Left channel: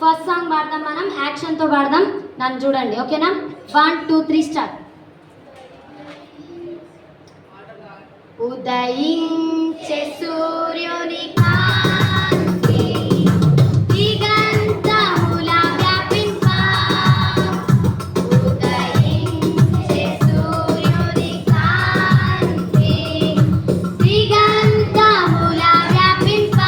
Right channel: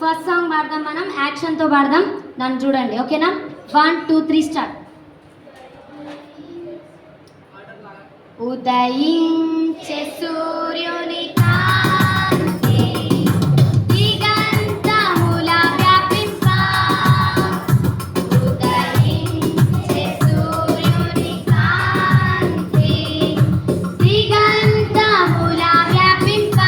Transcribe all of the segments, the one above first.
First song పాడదాం, మనం యాక్షన్తో పాడదాం. నన్ను చూడండి, ఓకేనా? 1 2 3 స్టార్ట్. ఉదయించే సూర్యుని కాంతి దిగంతముల వ్యాపింప, ఉదయించే సూర్యుని కాంతి దిగంతముల వ్యాపింప,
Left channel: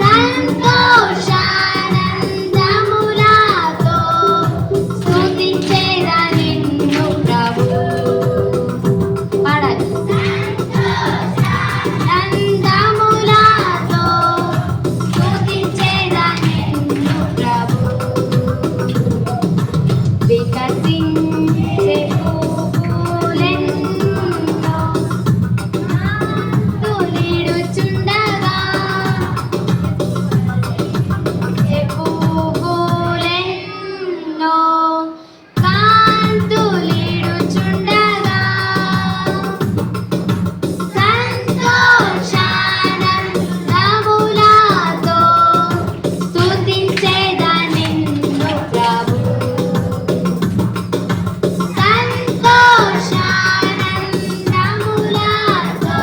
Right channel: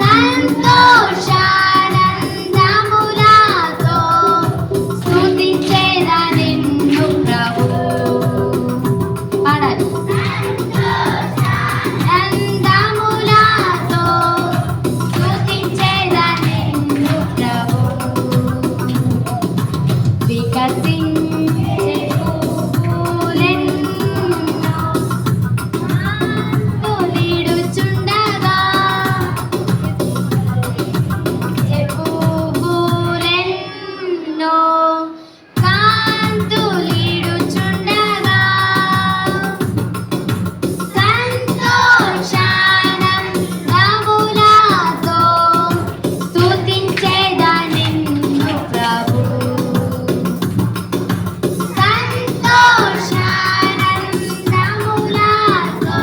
సంతోషానందములతో స్తుతించేదా నిన్ను ప్రభు. పాడాలి. సంతోషానందములతో స్తుతించేదా నిన్ను ప్రభు. వికసించే పువ్వులెన్నో కాంతులిడుచుండగా, పువ్వులెన్నో కాంతులిడుచుండగా, సంతోషానందములతో స్తుతించేదా నిన్ను ప్రభు. సంతోషానందములతో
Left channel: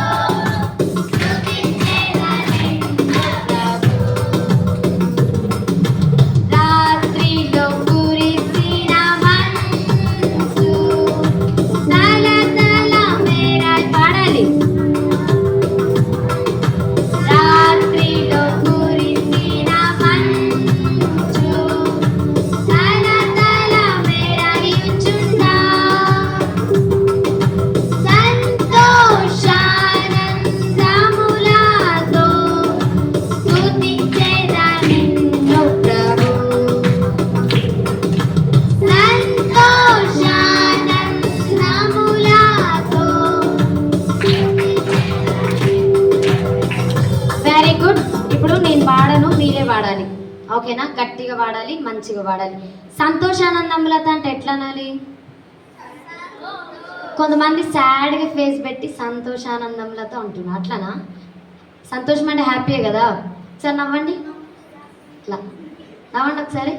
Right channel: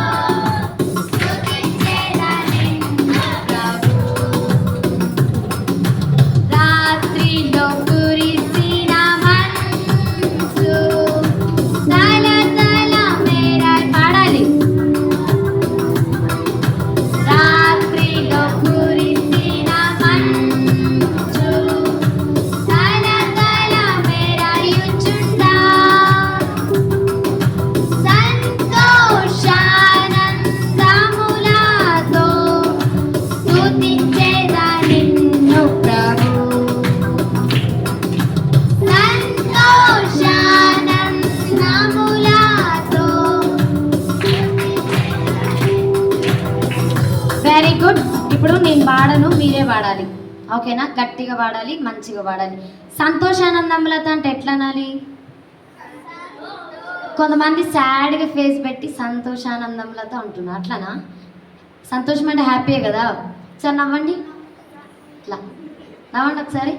స్తుతించేదా నిన్ను ప్రభు. రాత్రిలో కురిసిన మంచు తలతల మెరై పాడాలి. రాత్రిలో కురిసిన మంచు తలతల మెరయుచుండా, సంతోషానందములతో స్తుతించేదా నిన్ను ప్రభు. సంతోషానందములతో. Very good. ఇప్పుడు నేను వాడను, మీరే వాడాలి, ఓకేనా? గట్టిగా వాడాలి, మంచిగా వాడాలి. సంతోషానందములతో అంటే ఎట్లా అనాలి? కొంతమంది సాడ్గా ఫేస్ పెట్టి సంతోషానందములతో అంటున్నారు, అట్లానా? సంతోషం అంటే హ్యాపీ కదా. ఒకసారి నవ్వండి, ఇట్లా నవ్వండి ఒకసారి.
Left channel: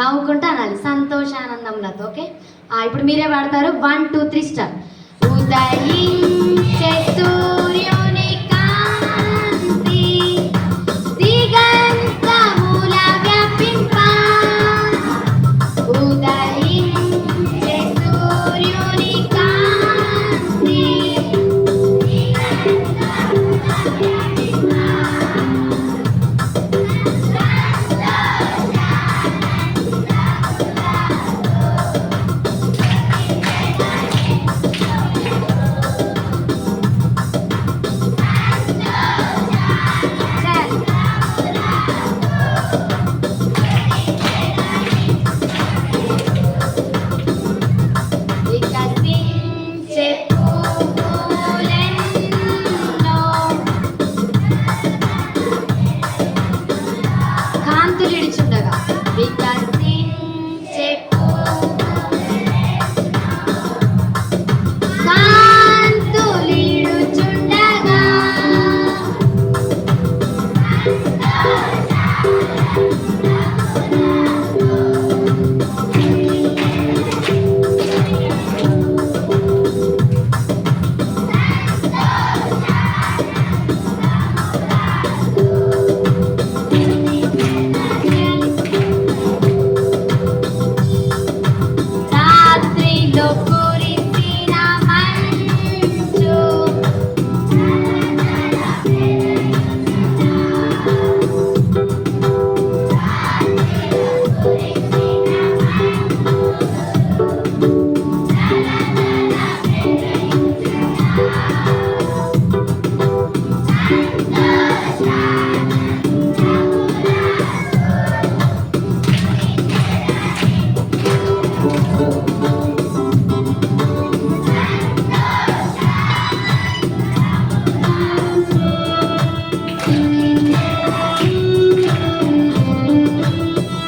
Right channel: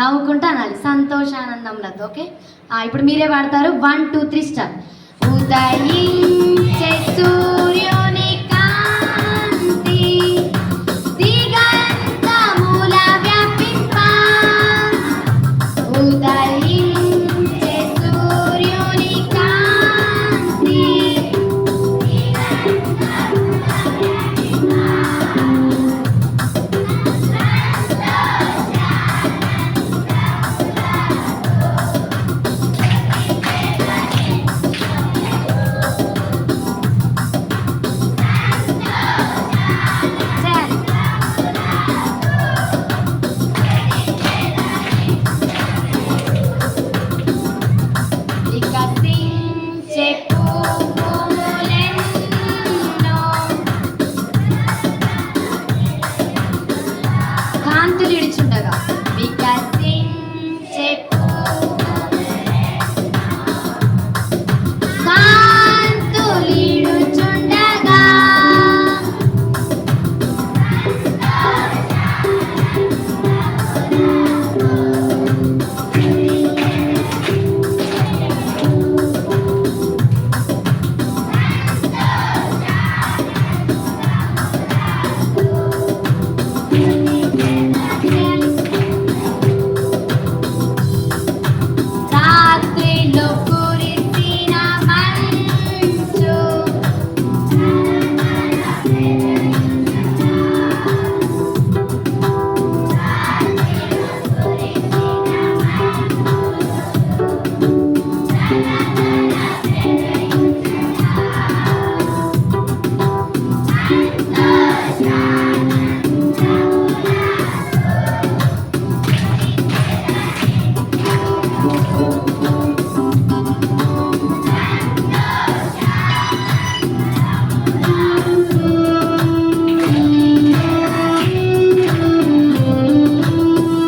నవ్వుకుంటా అనాలి సంతోషానందములతో, ఓకే? ఇప్పుడు మీరే వాడతారు. 1 2 3 స్టార్ట్. ఉదయించే సూర్యుని కాంతి దిగంతముల వ్యాపింప, ఉదయించే సూర్యుని కాంతి వికసించే పువ్వులెన్నో కాంతులిడుచుండగా, వికసించే కాంతులిడుచుండగా, రాత్రిలో కురిసిన మంచు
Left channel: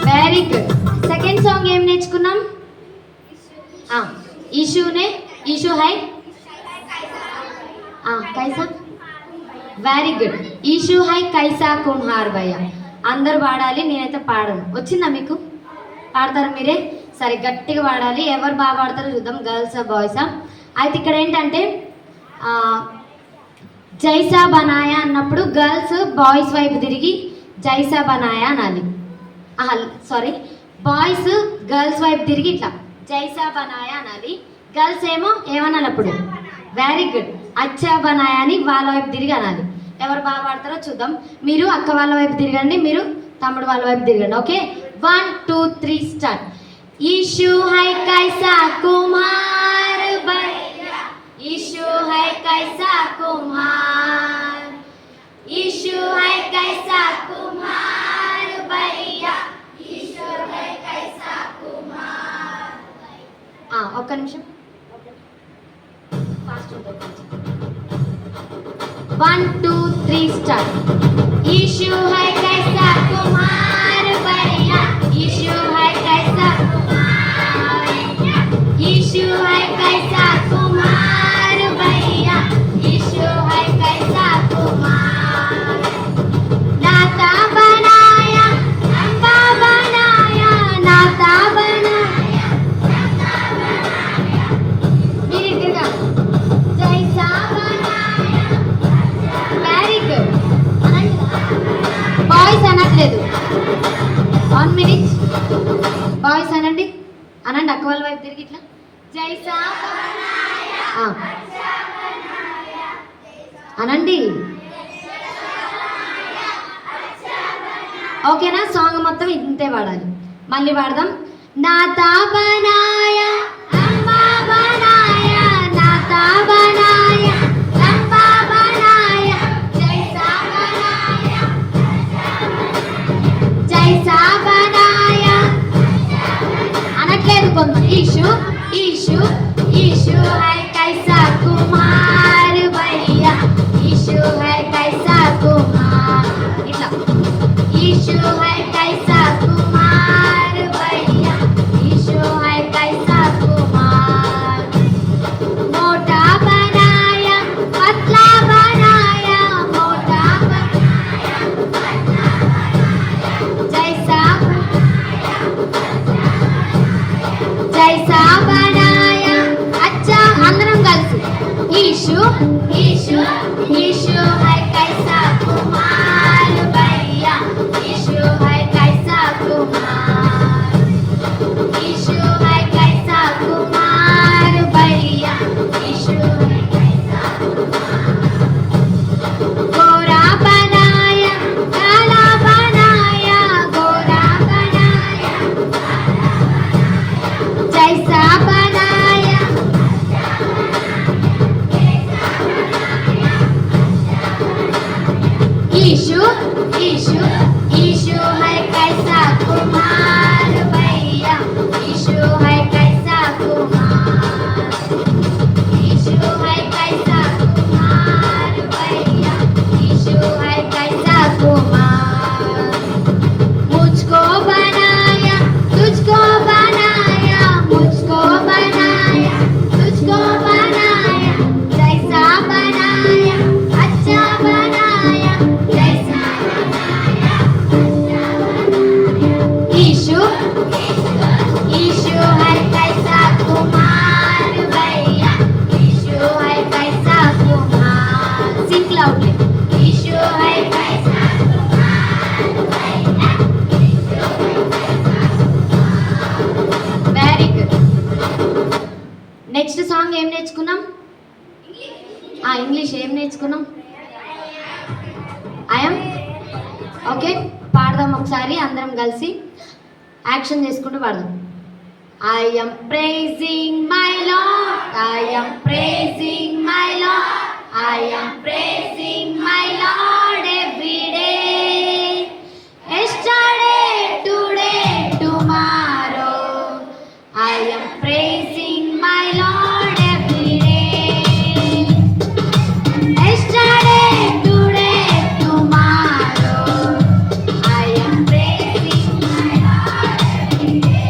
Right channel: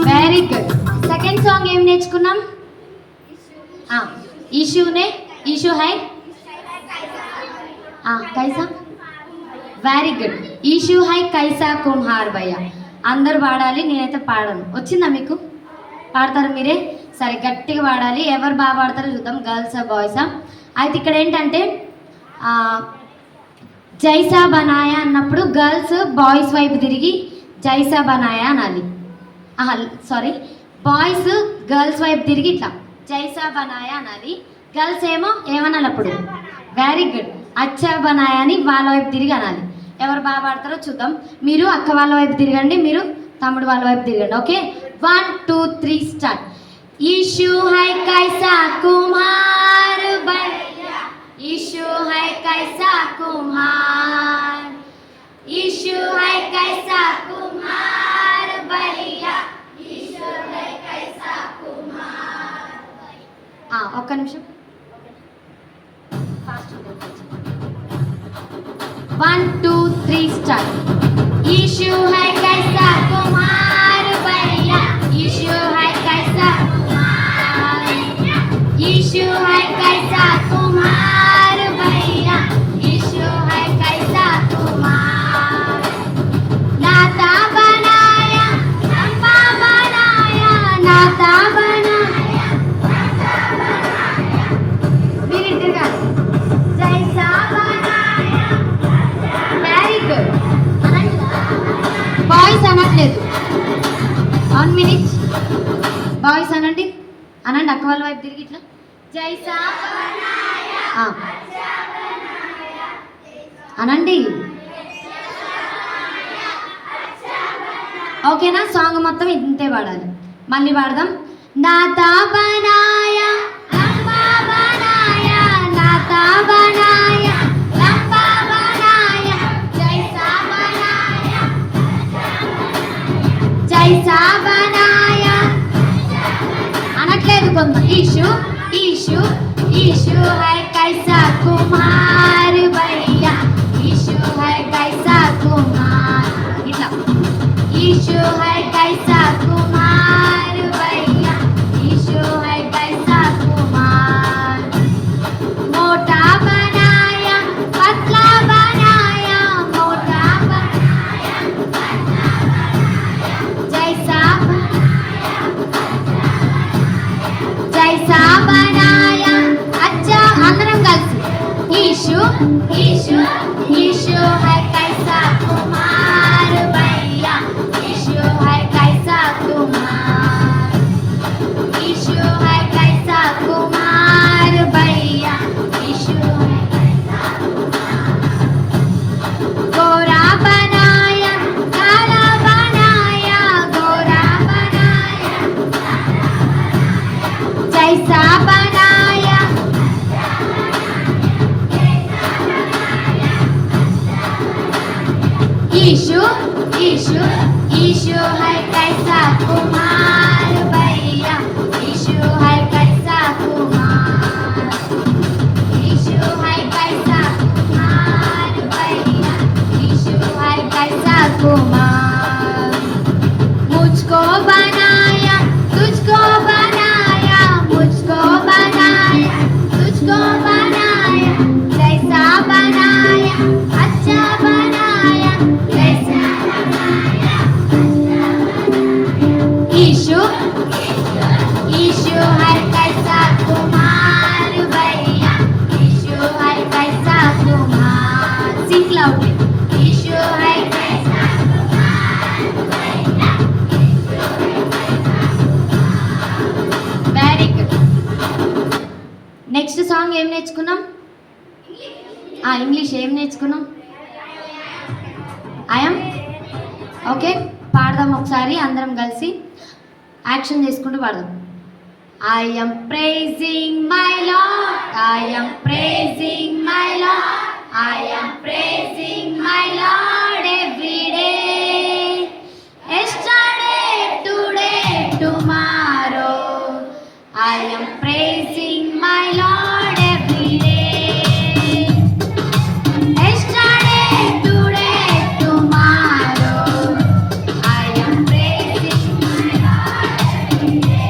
వెరీ గుడ్. సెకండ్ సాంగ్ ఏం నేర్చుకున్నాం? ఈషూనే, ఈషూ హై कैसा? Very good. ईशु हाय కైసా కుమ్హార్ భయ్య. అందరు పాడాలి, నేనైతే పాడను. వచ్చిందా మీకు? పాడతారు మీరే? సరే గట్టిగా పాడాలి. ఎవరు బాగా పాడతారో చూద్దాం, గర్ల్సా బాయ్సా. అయితే ఇక్కడ ఏంటంటే జైసా బనాయా అన్నప్పుడు గర్ల్స్ బాయ్స్ వైపు తిరిగి జైసా బనాయా అనాలి. సారీ, బాయ్స్ గర్ల్స్ వైపు తిరిగి ఇట్లా జైసా బనాయా అనాలి. గర్ల్స్ ఏమో ఏమనాలి అప్పుడు? వెరీ గుడ్, అచ్చా బనాయా అని వాళ్ళ వైపు తిరిగి అనాలి. ఎవరు బాగా పాడతారో చూద్దాం. మీరు అక్క వాళ్ళ వైపు తిరగండి, మీరు తమ్ముడు వాళ్ళ వైపు తిరగండి. Okay, 1 2 3 start. इशू है कैसा कुम्हार भैया, इशू है कैसा कुम्हार, इशू है कैसा कुम्हार भैया, इशू है कैसा कुम्हार. ఒక్క నిమిషం, 1 2 3 స్టార్ట్. इशू है कैसा कुम्हार भैया, इशू है कैसा इशू है कैसा कुम्हार भैया, इशू है कैसा कुम्हार. नाता बनाया रंबा बनाया, नाता बनाया रंबा बनाया, मेरी दिगा जैसा बनाया. Very good. బాయ్స్ అనట్లేదు, 1 minute. బాయ్స్ అనండి, అనండి అక్క వాళ్ళ వైపు తిరిగి ఇట్లా జైసా అనండి. ఓకేనా? సాంగ్ మొత్తం ఇంతే పాడాలి. మళ్ళీ పాడదాం. నాతా బనాయా రంబా బనాయా, నాతా బనాయా రంబా బనాయా, జైసా బనాయా జైసా బనాయా అనట్లేదు కొంత. ఇషు इशू इशू है कैसा कुम्हार भैया, इशू है कैसा कुम्हार. इट्ला इशू है कैसा कुम्हार भैया, इशू है कैसा कुम्हार. मोटा बनाया पतला बनाया, मोटा बनाया पतला बनाया, जैसा जैसा बनाया अच्छा. अंदरम కలిసి इशू इशू इशू है कैसा कुम्हार भैया, इशू है कैसा कुम्हार, इशू है कैसा कुम्हार भैया, इशू है कैसा कुम्हार. गोरा बनाया काला बनाया, गोरा बनाया जैसा बनाया इशू इशू इशू है कैसा कुम्हार भैया, इशू है कैसा कुम्हार, इशू है कैसा कुम्हार भैया, इशू है कैसा कुम्हार. मुझको बनाया तुझको बनाया, मुझको बनाया तुझको बनाया, जैसा बनाया अच्छा बनाया, जैसा बनाया अच्छा बनाया. इशू इशू है कैसा कुम्हार भैया, इशू है कैसा कुम्हार. सिंग लाउडली. इशू है कैसा कुम्हार भैया, इशू है कैसा कुम्हार. Very good. నెక్స్ట్ సాంగ్ ఏం నేర్చుకున్నాం? ఇంగ్లీష్ ఏం నేర్చుకున్నాం? I'm okay. పాడదాం ఒకసారి అందరం కలిసి, యాక్షన్ చేసుకుంటూ పాడదాం. I am praising my Lord, I am praising my Lord, I am praising my Lord every day. Yesterday, today, tomorrow, I am praising my Lord every day. Yesterday, today, tomorrow, I am praising my Lord every day.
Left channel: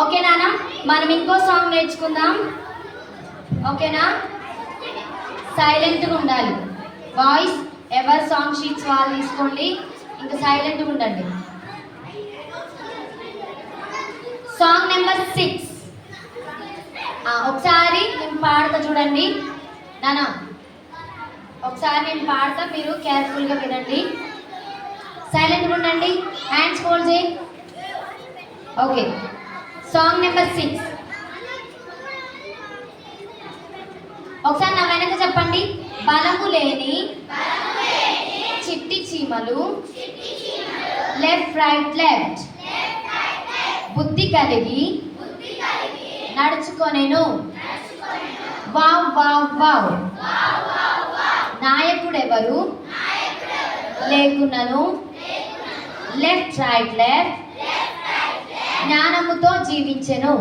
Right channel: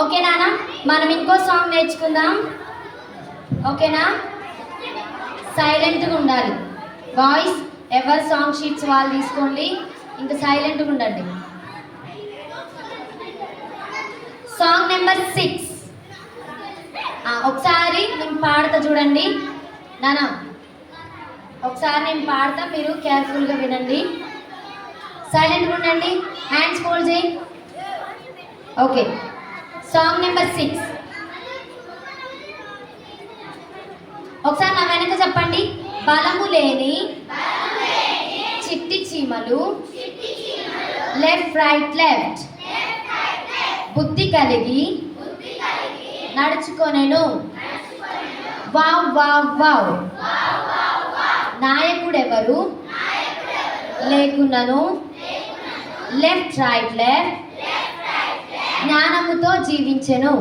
Okay నాన్న, మనం ఇంకో song నేర్చుకుందాం. ఓకేనా? సైలెంట్గా ఉండాలి. Voice ఎవరి song sheets వాళ్ళు తీసుకోండి, ఇంకా సైలెంట్గా ఉండండి. Song number 6. ఒకసారి నేను పాడతా చూడండి నానా. ఒకసారి నేను పాడతా, మీరు కేర్ఫుల్గా వినండి. సైలెంట్గా ఉండండి, హ్యాండ్స్ ఫోల్డ్ చేయి. Okay, song number 6. ఒకసారి నా వెనక చెప్పండి. బలము లేని చిట్టి చీమలు, లెఫ్ట్ రైట్ లెఫ్ట్, బుద్ధి కలిగి నడుచుకొనేను. Wow wow wow. నాయకుడెవరు లేకున్నాను, లెఫ్ట్ రైట్ లెఫ్ట్, జ్ఞానముతో జీవించెను.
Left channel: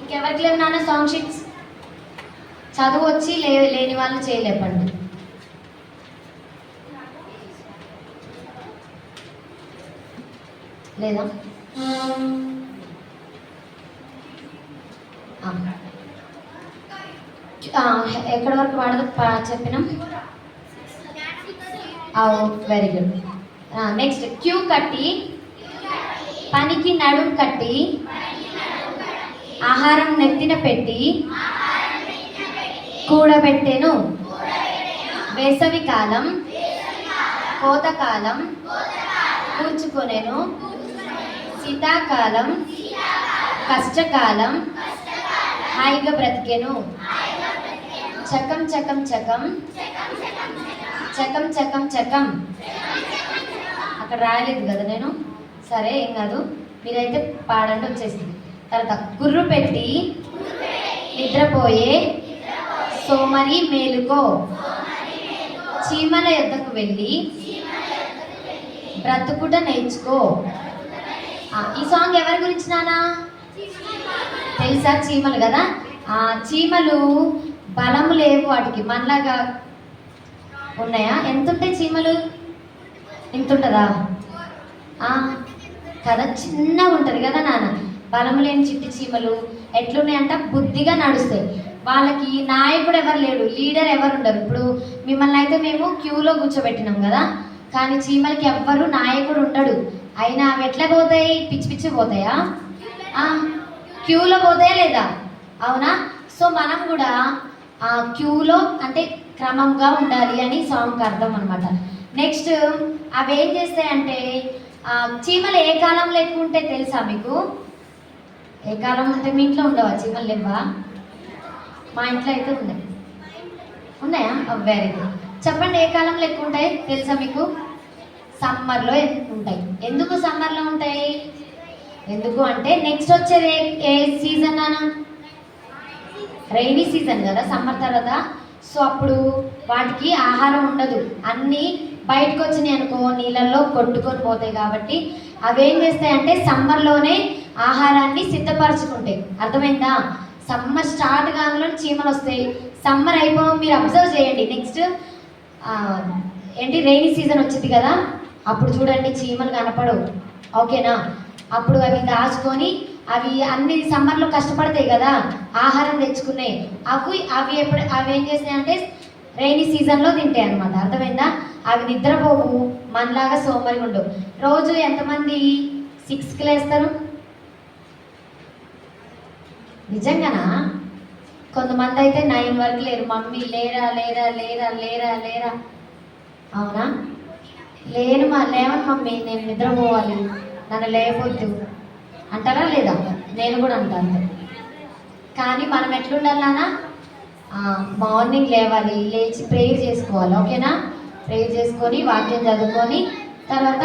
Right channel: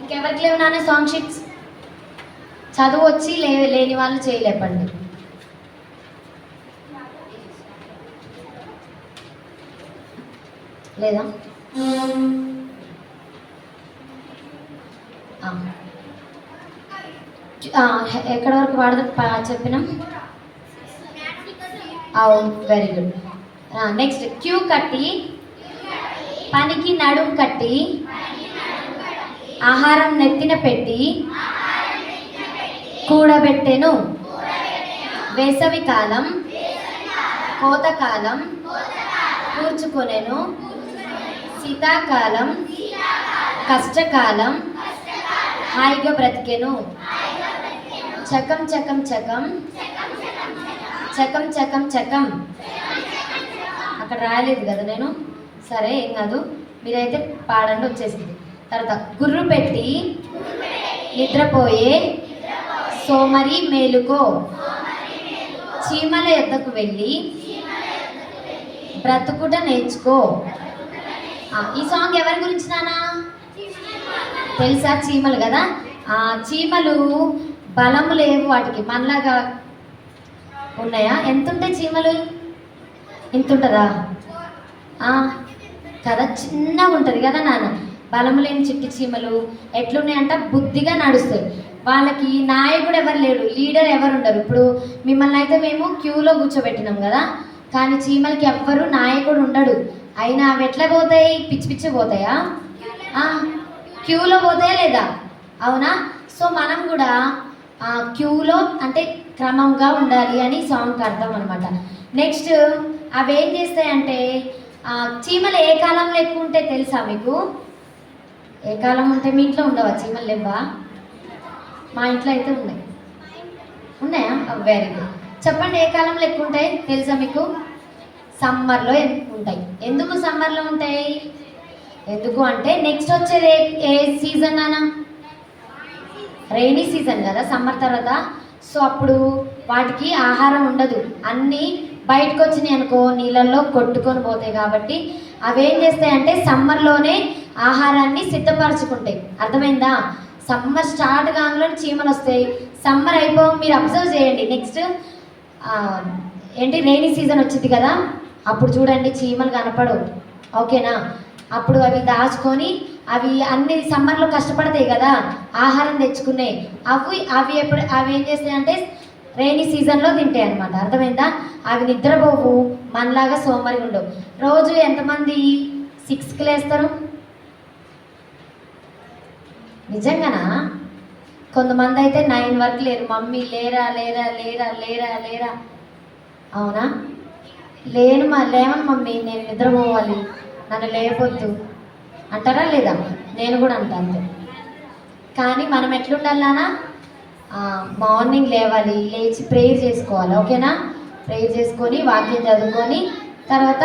ఇంకెవరికి లేవు నాన్న సాంగ్ షీట్స్? చదువు వచ్చి లేని వాళ్ళు చేయలేపండి. లేదా? ఎక్కడి వరకు చెప్పినాం? Very good. నెక్స్ట్, క్యూ కట్టి పనికి నడుము కట్టి ఆహారం నెత్తిన పెట్టి కూడబెట్టెను. వేసవి కాలం కోతకాలం కూర్చుకొనెను. శీతాకాలం కష్టకాలం హాయిగా బ్రతికెను. చకం చకం చకం చకం చకం చకం. అక్కడ రాయలేదు కదా నేను, సరే ఏం కాదు, మీరైతే పాడండి, వచ్చేసింది. తర్వాత, గుర్రు పెట్టి నిద్రపోయే సోమరి మేలుకో, చీమల యొద్దకు వెళ్ళి బ్రతుకుట నేర్చుకో. ఈ సాంగ్ ఎవరి గురించి నానా తెలుసా? చీమలు కదా. చీమలు బలము లేవు వాటికి, మనలాగా ఉన్నాయా? ఎంత ఉంటాయి చీమలు? ఇంత ఉంటుందా కదా, చిన్నగా ఉంటుంది కదా నాన్న. బలము లేని చిట్టి చీమలు ఎట్లున్నాయంట, బుద్ధిగా నడుస్తాయి. వాళ్ళకి నాయకుడు ఎవరు లేడు, లీడర్ ఎవరు ఉండరు. ఇప్పుడు మిమ్మల్ని అయితే మేము క్యూలో కూర్చోబెట్టినాం కదా, కానీ చీమలకి ఎవ్వరు నాయకుడు ఉండడు. అయినా అవి ఎట్లా పోతాయి? పిచ్చి పిచ్చి పోతాయా? క్యూలో పోతాయా లేదా? అవునా? సో మనం కూడా క్యూలో అంటే క్రమంగా ఉండాలి అని సాంగ్కి అర్థం అనమాట. నెక్స్ట్, అవి ఏం చేస్తాయంటే, చీమలు ఏ కాలంలో ఎక్కువ ఉంటే తెలుసా మీకు? ఏ కాలం ఉంటే మీ ఇంట్లో ఉండవా చీమలు? లేవా? మా ఇంట్లో అయితే ఉన్నాయి. ఉన్నాయా? Very good. చెప్పండి, ఏ కాలంలో ఎక్కువ ఉంటాయి తెలుసా మీకు? సమ్మర్లో ఎక్కువ ఉంటాయి. ఎందుకు సమ్మర్లో ఉంటాయి? ఎందుకు అంటే నెక్స్ట్ వచ్చేది ఏ సీజన్ అనా? రైనీ సీజన్ కదా సమ్మర్ తర్వాత. సో అప్పుడు వాటికి ఆహారం ఉండదు, అన్నీ బయటకు వచ్చినాయి అనుకో నీళ్ళల్లో కొట్టుకొని పోతాయి. కాబట్టి అవి ఏం చేస్తాయంటే సమ్మర్లోనే ఆహారాన్ని సిద్ధపరచుకుంటాయి. అర్థమైందా? సమ్మర్ స్టార్ట్ కాగానే చీమలు వస్తాయి. సమ్మర్ అయిపోయి మీరు అబ్జర్వ్ చేయండి. నెక్స్ట్ ఏంటి, రైనీ సీజన్ వచ్చింది కదా, అప్పుడు చూడండి చీమలు కనపడవు. ఓకేనా? అప్పుడు అవి దాచుకొని అవి అన్ని సమ్మర్లో కష్టపడతాయి కదా ఆహారం తెచ్చుకున్నాయి. అవి ఏం చేస్తాయంటే రైనీ సీజన్లో తింటాయి అనమాట. అర్థమైందా? అవి నిద్రపోవు, మనలాగా సోమరి ఉండవు. రోజు ఎంతమంది 6కి లేస్తారు? నిజంగానా? కొంతమంది అయితే 9 వరకు లేరు. మమ్మీ లేరా లేరా లేరా లేరా లేరా. అవునా? లేవను మమ్మీ, నేను నిద్రపోవాలి, నన్ను లేవొద్దు అంటారా లేదా? నేను కూడా అంటాను. కానీ మనం ఎట్లుండాలన్నా మార్నింగ్ లేవాలి, లేచి ప్రేయర్ చేసుకోవాలి. ఓకేనా? ప్రేయర్ చేసుకొని వాక్యం చదువుకొని తర్వాత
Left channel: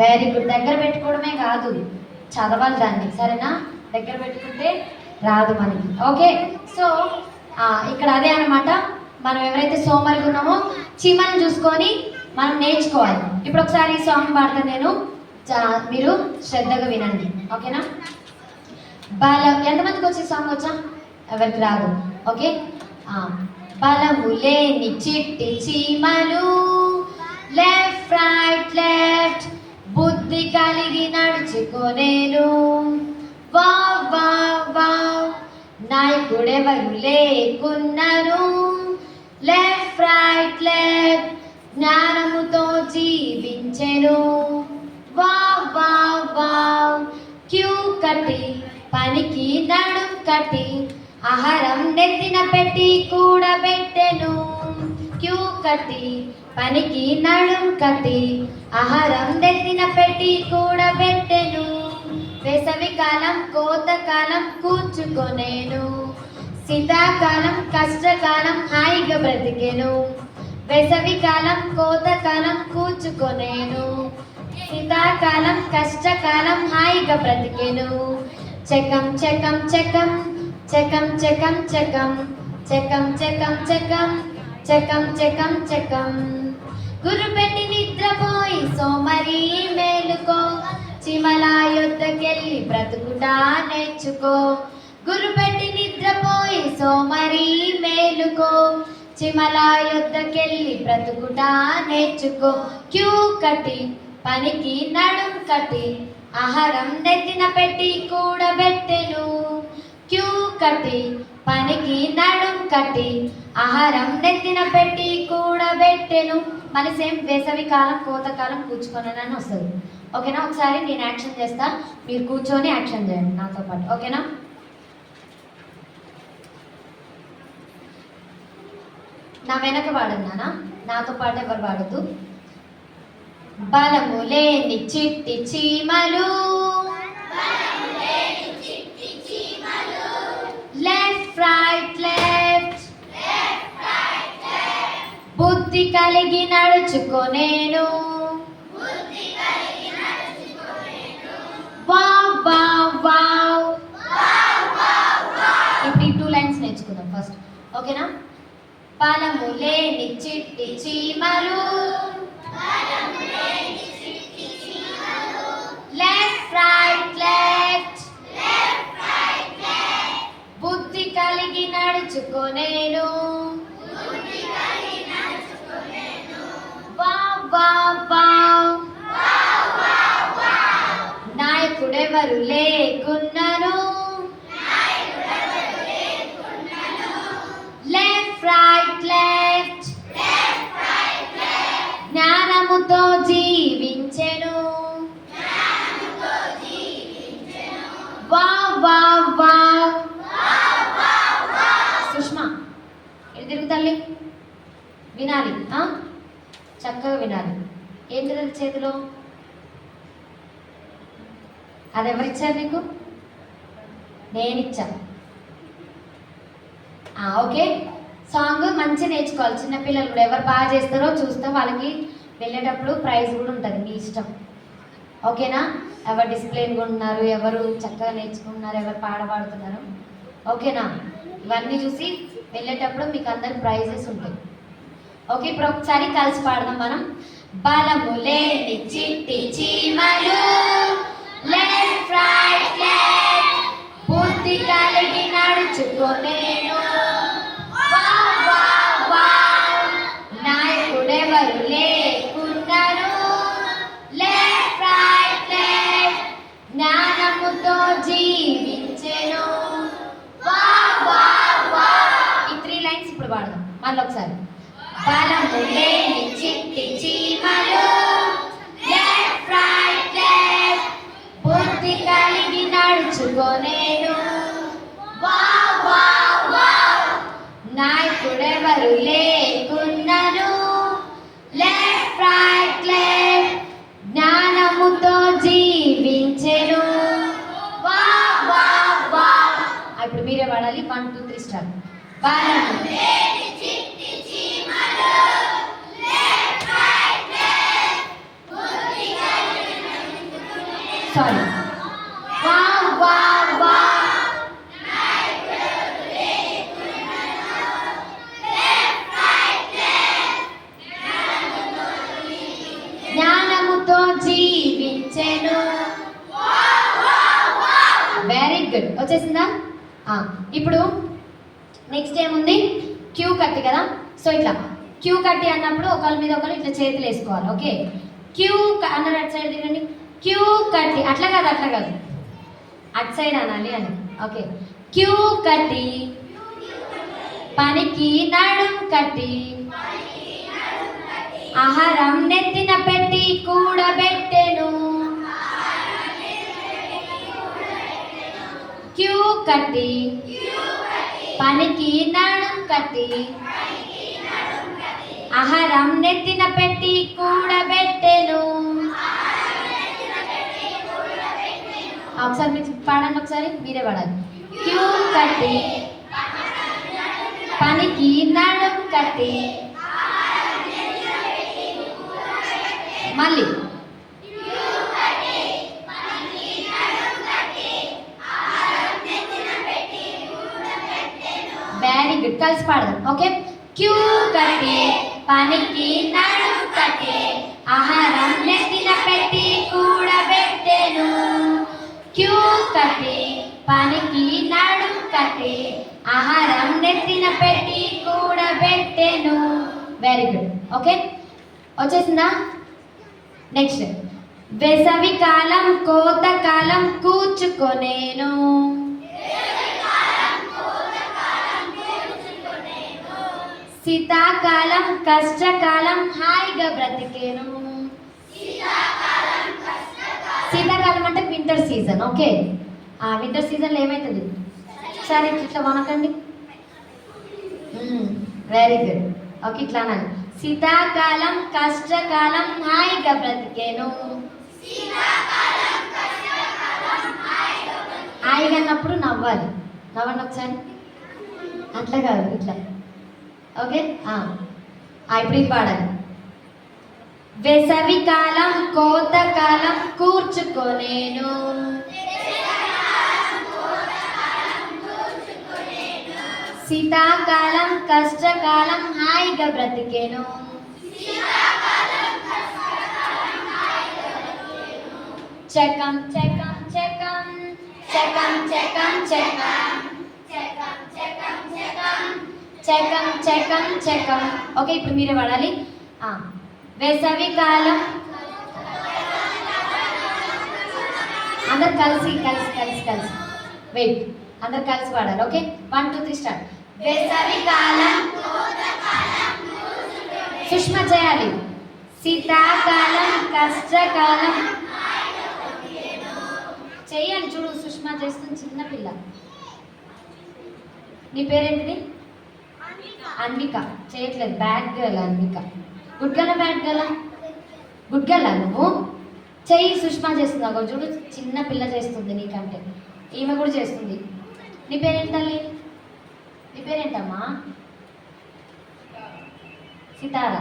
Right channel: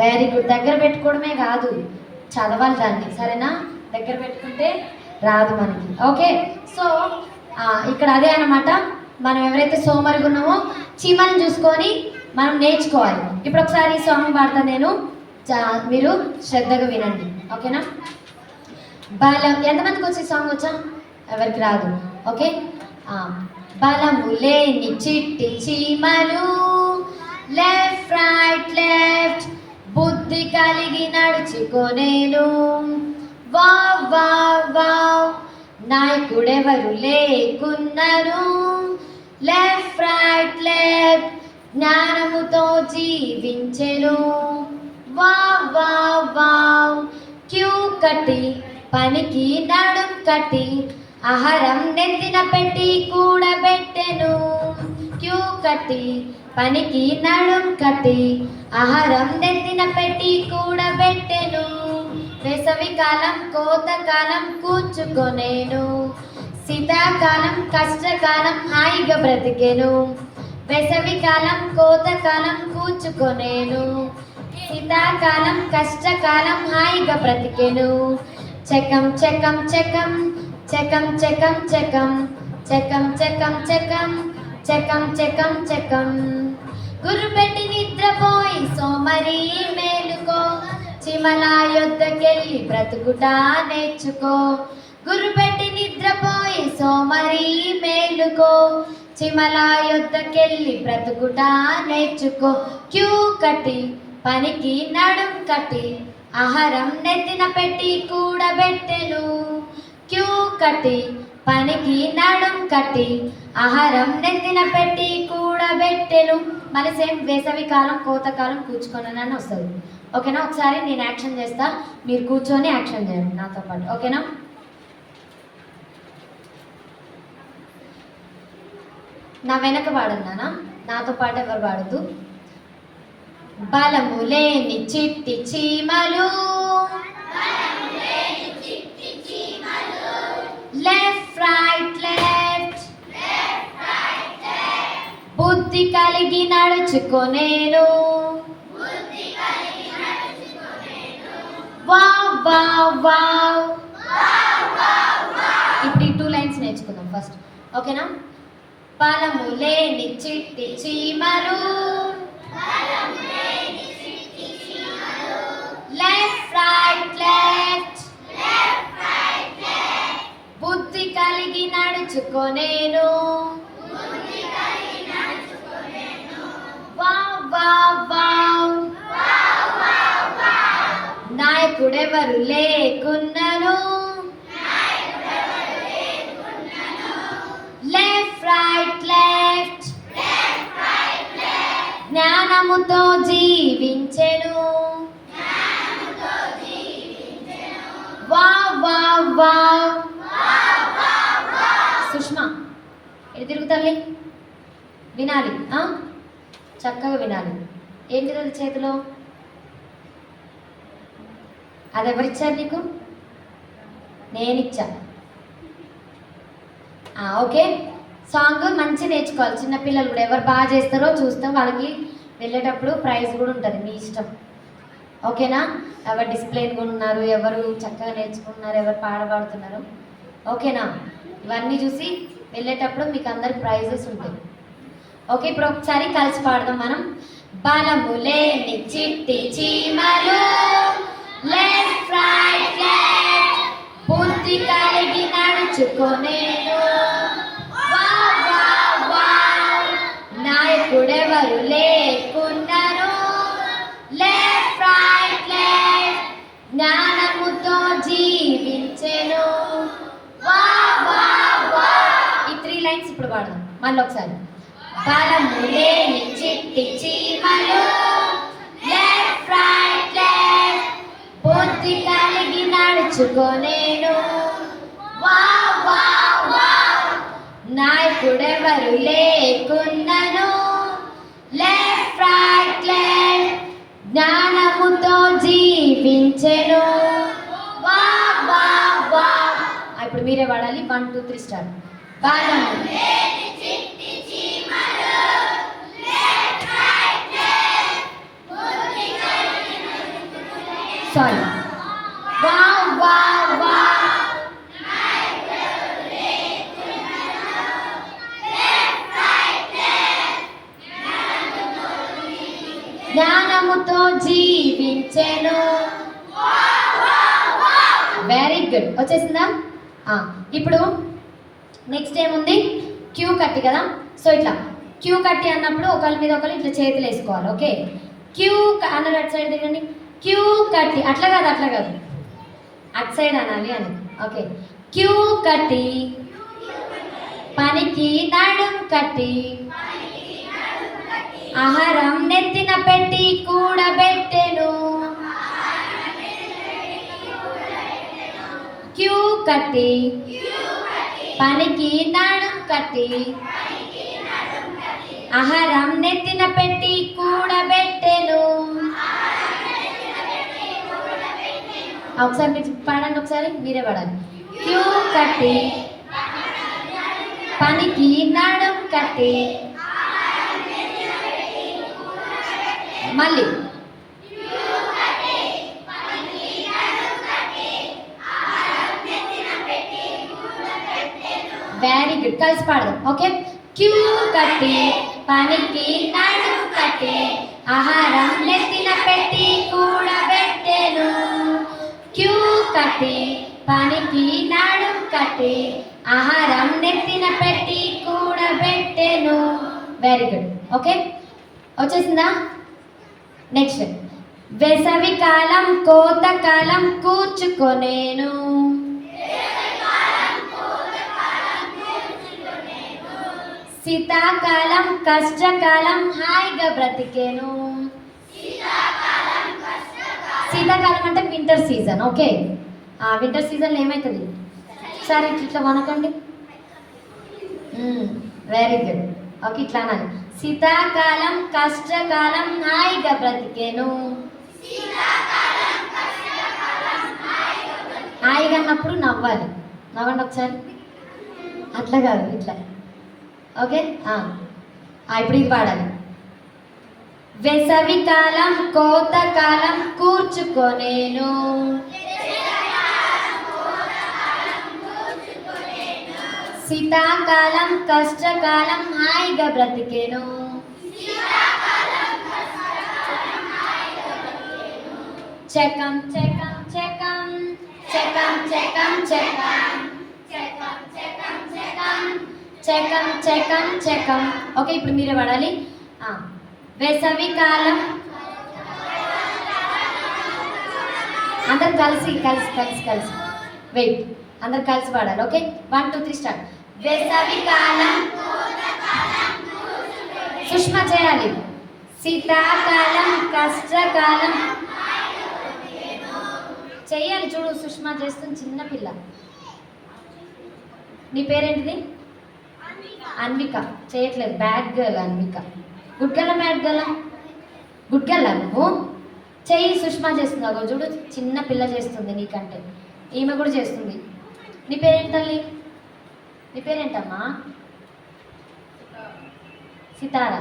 వెరీ గుడ్. దగ్గర పెట్టుకోవడమే కాదు, చదవాలి దాన్ని. సరేనా? దగ్గర పెట్టుకుంటే రాదు మనకి. ఓకే, సో ఇక్కడ అదే అన్నమాట. మనం ఎవరైతే సోమరిగా ఉన్నామో చీమల్ని చూసుకొని మనం నేర్చుకోవాలి. ఇప్పుడు ఒకసారి సాంగ్ పాడతా నేను, మీరు శ్రద్ధగా వినండి. ఓకేనా? బలం ఎంతమందికి వచ్చే సాంగ్ వచ్చా? ఎవరికి రాదు. ఓకే. బలము లేని చిట్టి చీమలు, లెఫ్ట్ రైట్ లెఫ్ట్, బుద్ధి కలిగి నడుచుకొనేను. వావ్ వావ్ వావ్, నాయకుడెవరు లేకున్నారు. లెఫ్ట్ రైట్ లెఫ్ట్, జ్ఞానముతో జీవించెను. వావ్ వావ్ వావ్, క్యూ కట్టి పనికి నడుం కట్టి, ఆహారం నెత్తిన పెట్టి కూడబెట్టెను. క్యూ కట్టి పనికి నడుం కట్టి, ఆహారం నెత్తిన పెట్టి కూడబెట్టెను. వేసవి కాలం కోతకాలం కూర్చుకొనేను, శీతాకాలం కష్టకాలం హాయిగా బ్రతికెను. వేసవి కాలం కోతకాలం కూర్చుకొనేను, శీతాకాలం కష్టకాలం హాయిగా బ్రతికెను. చెకం చెకం చెకం చెకం చెకం చెకం చెకం చెకం చెకం చెకం చెకం చెకం. గుర్రుపెట్టి నిద్రపోయి సోమరి మేలుకో, చిమల యొద్దకెళ్ళి బ్రతుకుట నేర్చుకో. గుర్రుపెట్టి నిద్రపోయి సోమరి మేలుకో, చిమల యొద్దకెళ్ళి బ్రతుకుట నేర్చుకో. క్యూ కట్టి పనికి నడుం కట్టి, ఆహారం నెత్తిన పెట్టి కూడబెట్టెను. క్యూ కట్టి పనికి నడుం కట్టి, ఆహారం నెత్తిన పెట్టి కూడబెట్టెను. మరి సేమ్ వేసవి కాలం కోతకాలం కూర్చుకొనని వస్తుంది. ఓకేనా? ఒకసారి నేను యాక్షన్ చేస్తా, మీరు కూర్చొని యాక్షన్ చేయండి నాతో పాటు. ఓకేనా? నా వెనక పాడన్నానా, నాతో పాటు ఎవరు పాడద్దు. బలము లేని చిట్టి చీమలు, లెఫ్ట్ రైట్ లెఫ్ట్, బుద్ధి కలిగి నడుచుకొనేను. Wow wow wow. ఇప్పుడు ఈ 2 లైన్స్ నేర్చుకుందాం ఫస్ట్. ఓకేనా? బలము లేని చిట్టి చీమలు, లెఫ్ట్ రైట్ లెఫ్ట్, బుద్ధి కలిగి నడుచుకొనేను. వావ్ వావ్ వావ్, నాయకుడెవరు లేకున్నను. లెఫ్ట్ రైట్ లెఫ్ట్, జ్ఞానముతో జీవించెను. Wow wow wow. సుష్మా ఎటు తిరుగుతాలి? వినాలి, చక్కగా వినాలి. ఏంటి అది చేతిలో? అది ఎవరిచ్చారు నీకు? నేనిచ్చా. ఓకే. సాంగ్ మంచి నేర్చుకోవాలి. చిన్నపిల్లలు కూడా ఎవరు బాగా చేస్తారో చూస్తాం, వాళ్ళకి వెళ్ళేటప్పుడు ప్రైజ్ కూడా ఉంటుంది, మీ ఇష్టం. ఓకేనా? ఎవరు డిసిప్లిన్ కూడా ఉన్నారు, ఎవరు చక్కగా నేర్చుకుంటున్నారు, ఎవరు పాడుతున్నారు. ఓకేనా? ఇవన్నీ చూసి వెళ్ళేటప్పుడు మీకు అందరికి ప్రైజెస్ ఉంటాయి. ఓకే, ఇప్పుడు ఒకసారి కలిసి పాడదాం మనం. బలము లేని చిట్టి చీమలు, లెఫ్ట్ రైట్ లెఫ్ట్, బుద్ధి కలిగి నడుచుకొనేను. వావ్ వావ్ వావ్, నాయకుడెవరు లేకున్నారు. లెఫ్ట్ రైట్ లెఫ్ట్, జ్ఞానముతో జీవించెను. Wow wow wow. ఈ 3 లైన్స్ ఇప్పుడు పాడదాం మళ్ళీ ఒకసారి. బలము లేని చిట్టి చీమలు, లెఫ్ట్ రైట్ లెఫ్ట్, బుద్ధి కలిగి నడుచుకొనేను. వావ్ వావ్ వావ్, నాయకుడెవరు లేకున్నను. లెఫ్ట్ రైట్ లెఫ్ట్, జ్ఞానముతో జీవించెను. Wow wow wow. ఇప్పుడు మీరే పాడాలి. 1 2 3 స్టార్ట్. బలము లేని చిట్టి చీమలు, లెఫ్ట్ రైట్ లెఫ్ట్, బుద్ధి కలిగి నడుచుకొనేను. సారీ. వావ్ వావ్ వావ్, నాయకుడెవరు లేకున్నను. లెఫ్ట్ రైట్ లెఫ్ట్, జ్ఞానముతో జీవించెను. Very good. వచ్చేసిందా? ఇప్పుడు నెక్స్ట్ ఏముంది? క్యూ కట్టి కదా. సో ఇట్లా క్యూ కట్టి అన్నప్పుడు ఒకరి మీద ఒకరు ఇట్లా చేతులు వేసుకోవాలి. ఓకే, క్యూ అన్న అటు సైడ్ తిరగండి. క్యూ కట్టి, అట్లా కాదు అటు సైడ్ అనాలి అని. ఓకే, క్యూ కట్టి పనికి నడుం కట్టి ఆహారం నెత్తిన పెట్టి కూడబెట్టెను. క్యూ కట్టి పనికి నడుం కట్టి ఆహారం నెత్తిన పెట్టి కూడబెట్టెను. ఒకసారి మీరు పాడండి, ఒకసారి మీరే పాడాలి. క్యూ కట్టి పనికి నడుం కట్టి మళ్ళీ వెరీ గుడ్. కలిసి పాడదాం. ఓకే, క్యూ కట్టి పనికి నడుం కట్టి ఆహారం నెత్తిన పెట్టి కూడబెట్టెను. క్యూ కట్టి పనికి నడుం కట్టి ఆహారం నెత్తిన పెట్టి కూడబెట్టెను. Very good. ఓకే, వచ్చేసిందా? నెక్స్ట్, వేసవి కాలం కోత కాలం కూర్చుకొనేను. శీతాకాలం కష్టకాలం హాయిగా బ్రతికేను. శీతాకాలం అంటే వింటర్ సీజన్. ఓకే, వింటర్ సీజన్లో ఏమవుతుంది? సరే ఇట్లా వనకండి. Very good. ఓకే, ఇట్లా అనాలి. శీతాకాలం కష్టకాలం హాయిగా బ్రతికేను. హాయిగా అన్నప్పుడు నవ్వాలి. నవ్వండి ఒకసారి. అట్లా కాదు, ఇట్లా. ఓకే, ఇప్పుడు ఇది పాడాలి. వేసవి కాలం కోత కాలం కూర్చుకొనేను. శీతాకాలం కష్టకాలం హాయిగా బ్రతికేను. చెకం చెకం చెకం చెకం చెకం చెకం చెకం చెకం చెకం. ఓకే, ఇప్పుడు మీరే పడాలి. వేసవి కాలం అందరు కలిసి కలిసి కలిసి కలిసి వెయిట్ అందరు కలిసి పాడాలి. Okay, 1 2 3 start. వేసవి కాలం సుష్మా చేయాలి. శీతాకాలం కష్టకాలం చెయ్యాలి. చూడు, సుష్మా చేస్తుంది, చిన్నపిల్ల. నీ పేరేంటిది? అన్విక. చేయట్లేదు. Bad girl Anvika. Good girl bad girl? Good girl నువ్వు. చెయ్యి. సుష్మా చేస్తున్నావు చూడు, చిన్న పిల్ల చేస్తుంది నీకంటే. ఈమె కూడా చేస్తుంది. నీ పేరేంటి తల్లి? నీ పేరేంటమ్మా? సితారా.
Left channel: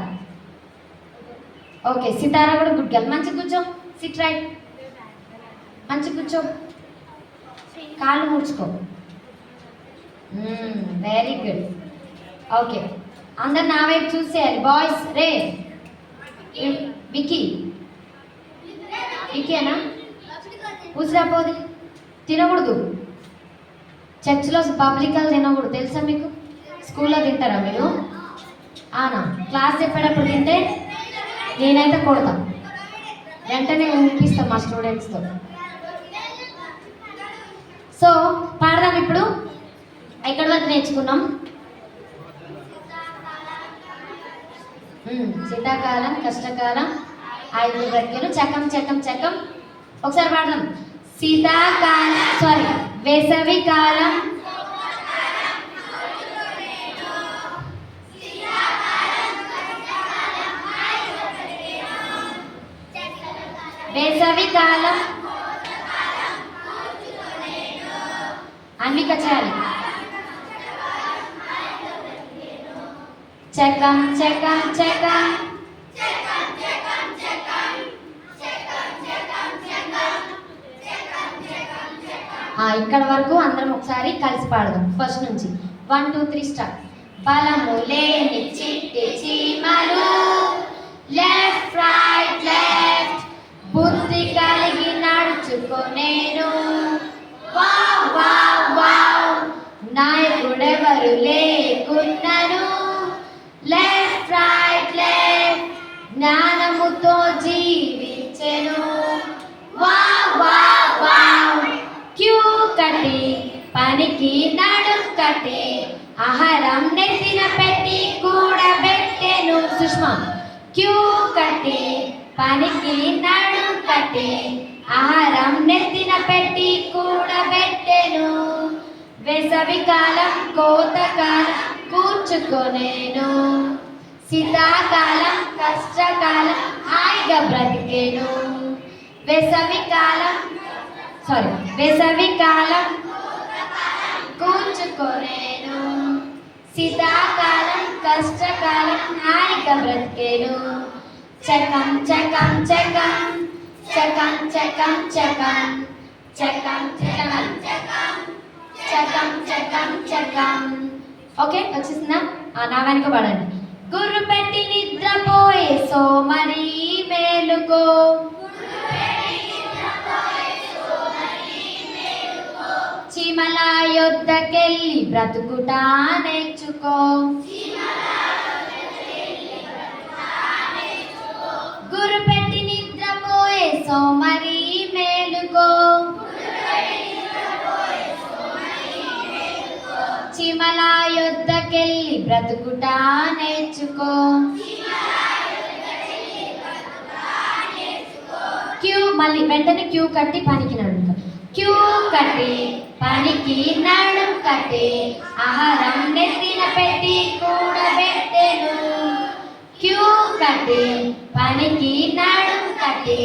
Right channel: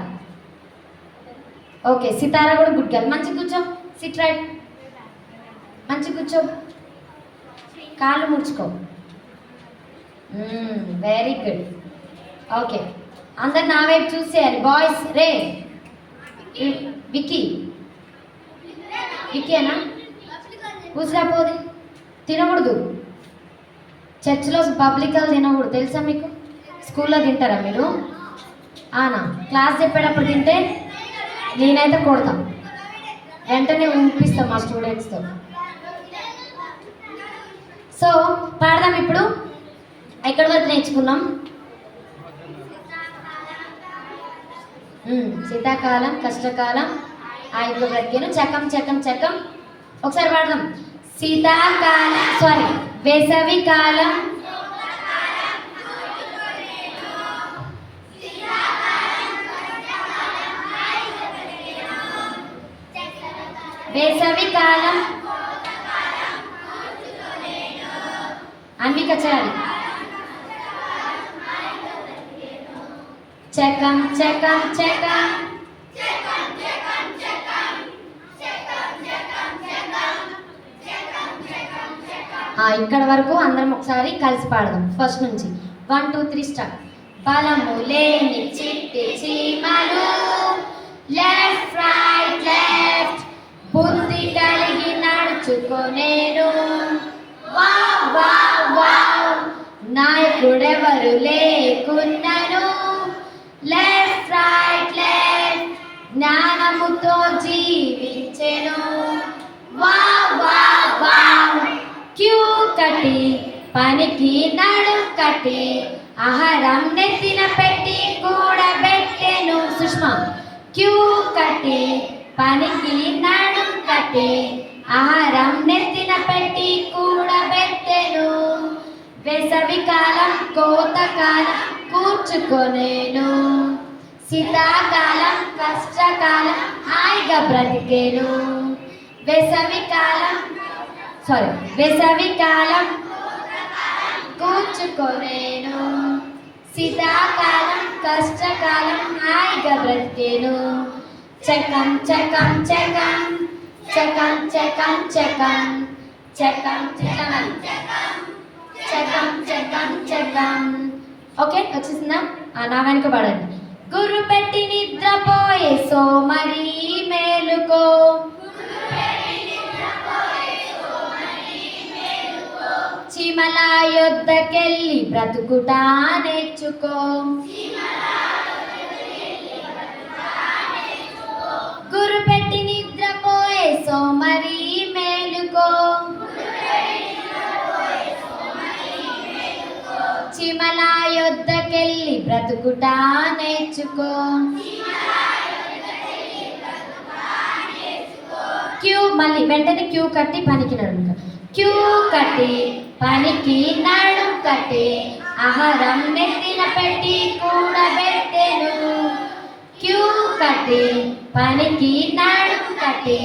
ఓకే, సితారా కూడా గుడ్ గర్ల్. మంచి కూర్చో. SIT right. మంచి కూర్చో. కాళ్ళు ముడుచుకో. Very good. ఓకే, అందరు నా వైపు చూసేయాలి. బాయ్స్ రే. విక్కీ. విక్కీనా? పూసిరాపోది. తినకూడదు. చర్చిలో పబ్లిక్గా తినకూడదు, తెలుసా మీకు? స్కూల్లో తింటారా మీరు? ఆనా? క్లాస్ చెప్పేటప్పుడు తింటే నేనైతే కొడతాం, వెంటనే ఊపిస్తాం మా స్టూడెంట్స్తో. సో పాడదాం ఇప్పుడు. ఎక్కడి వరకు నేర్చుకున్నాం? శీతాకాలం కష్టకాలం హాయిగా బ్రతికేను. చకం చకం చకం. ఒకసారి పాడదాం. శీతాకాలం వేసవి కాలం వేసవి కాలం అన్విక చేయాలి. చకం చకం చకం. ఇక్కడ వరకు అందరం ఒకసారి కలిసి పాడదాం. ఫస్ట్ నుంచి 1 2 3 స్టార్ట్. బలము లేని చిట్టి చీమలు లెఫ్ట్ రైట్ లెఫ్ట్ బుద్ధి కలిగి నడుచుకొనేరు. ఎవరు లేకున్నను లెఫ్ట్ రైట్ లెఫ్ట్ జ్ఞానముతో జీవించెను వావ్ వావ్ వావ్ క్యూ కట్టి పనికి నడుం కట్టి ఆహారం నెత్తిన పెట్టి కూడబెట్టెను సుష్మా క్యూ కట్టి పనికి నడుం కట్టి ఆహారం నెత్తిన పెట్టి కూడబెట్టెను వేసవికాలం కోతకాలం కూర్చుకొనేను శీతాకాలం కష్టకాలం హాయిగా బ్రతికేను వేసవికాలం కూర్చుకొనేను శీతాకాలం కష్టకాలం హాయిగా బ్రతికేను చకం చకం చకం చకం చకం చకం చకం చకం చకం చకం చకం ఓకే వచ్చేసిందా నా వెనుక పడండి గుర్రు పెట్టి నిద్రపోయే సోమరి మేలుకో చీమల యొద్దకెళ్ళి బ్రతుకుటా నేర్చుకో గుర్రు పెట్టి నిద్రపోయే సోమరి మేలుకో చీమల యొద్దకెళ్ళి బ్రతుకుటా నేర్చుకో క్యూ మళ్ళీ వెంటనే క్యూ కట్టి పనికి నడుము క్యూ కట్టి పనికి నడుం కట్టి ఆహారం నెత్తిన పెట్టి కూడబెట్టెను క్యూ కట్టి పనికి నడుం కట్టి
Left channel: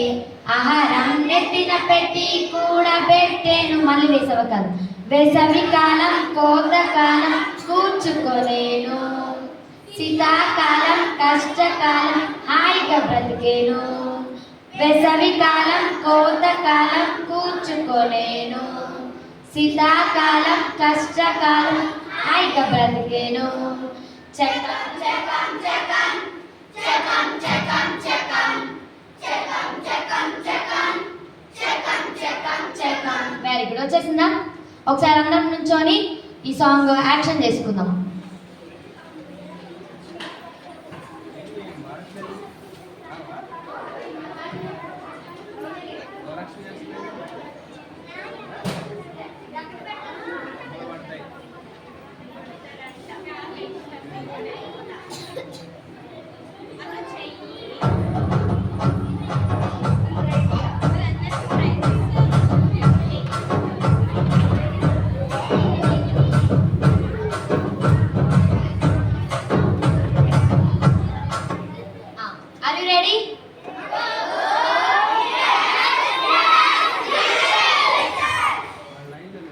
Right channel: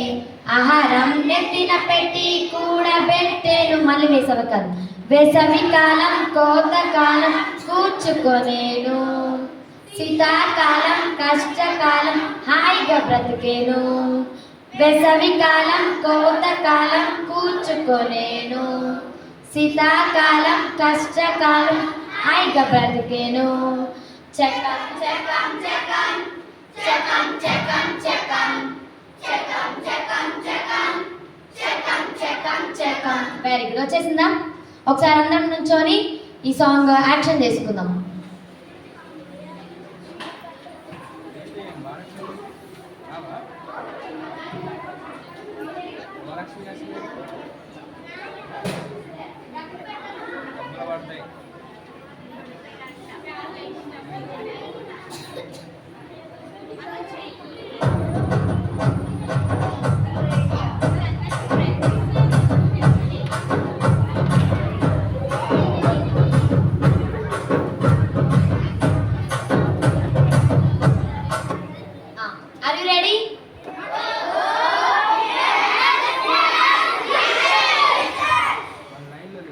ఆహారం నెత్తిన పెట్టి కూడబెట్టెను మళ్ళీ వేసవికాలం కోతకాలం కూర్చుకొనేను శీతాకాలం కష్టకాలం హాయిగా బ్రతికేను వేసవికాలం కోతకాలం కూర్చుకొనేను శీతాకాలం కష్టకాలం హాయిగా బ్రతికేను చకం చకం చకం చకం చకం చకం చకం చకం చకం చకం చకం చకం వెరీ గుడ్ వచ్చేసిందా ఒకసారి అందరం నుంచొని ఈ సాంగ్ యాక్షన్ చేసుకుందాం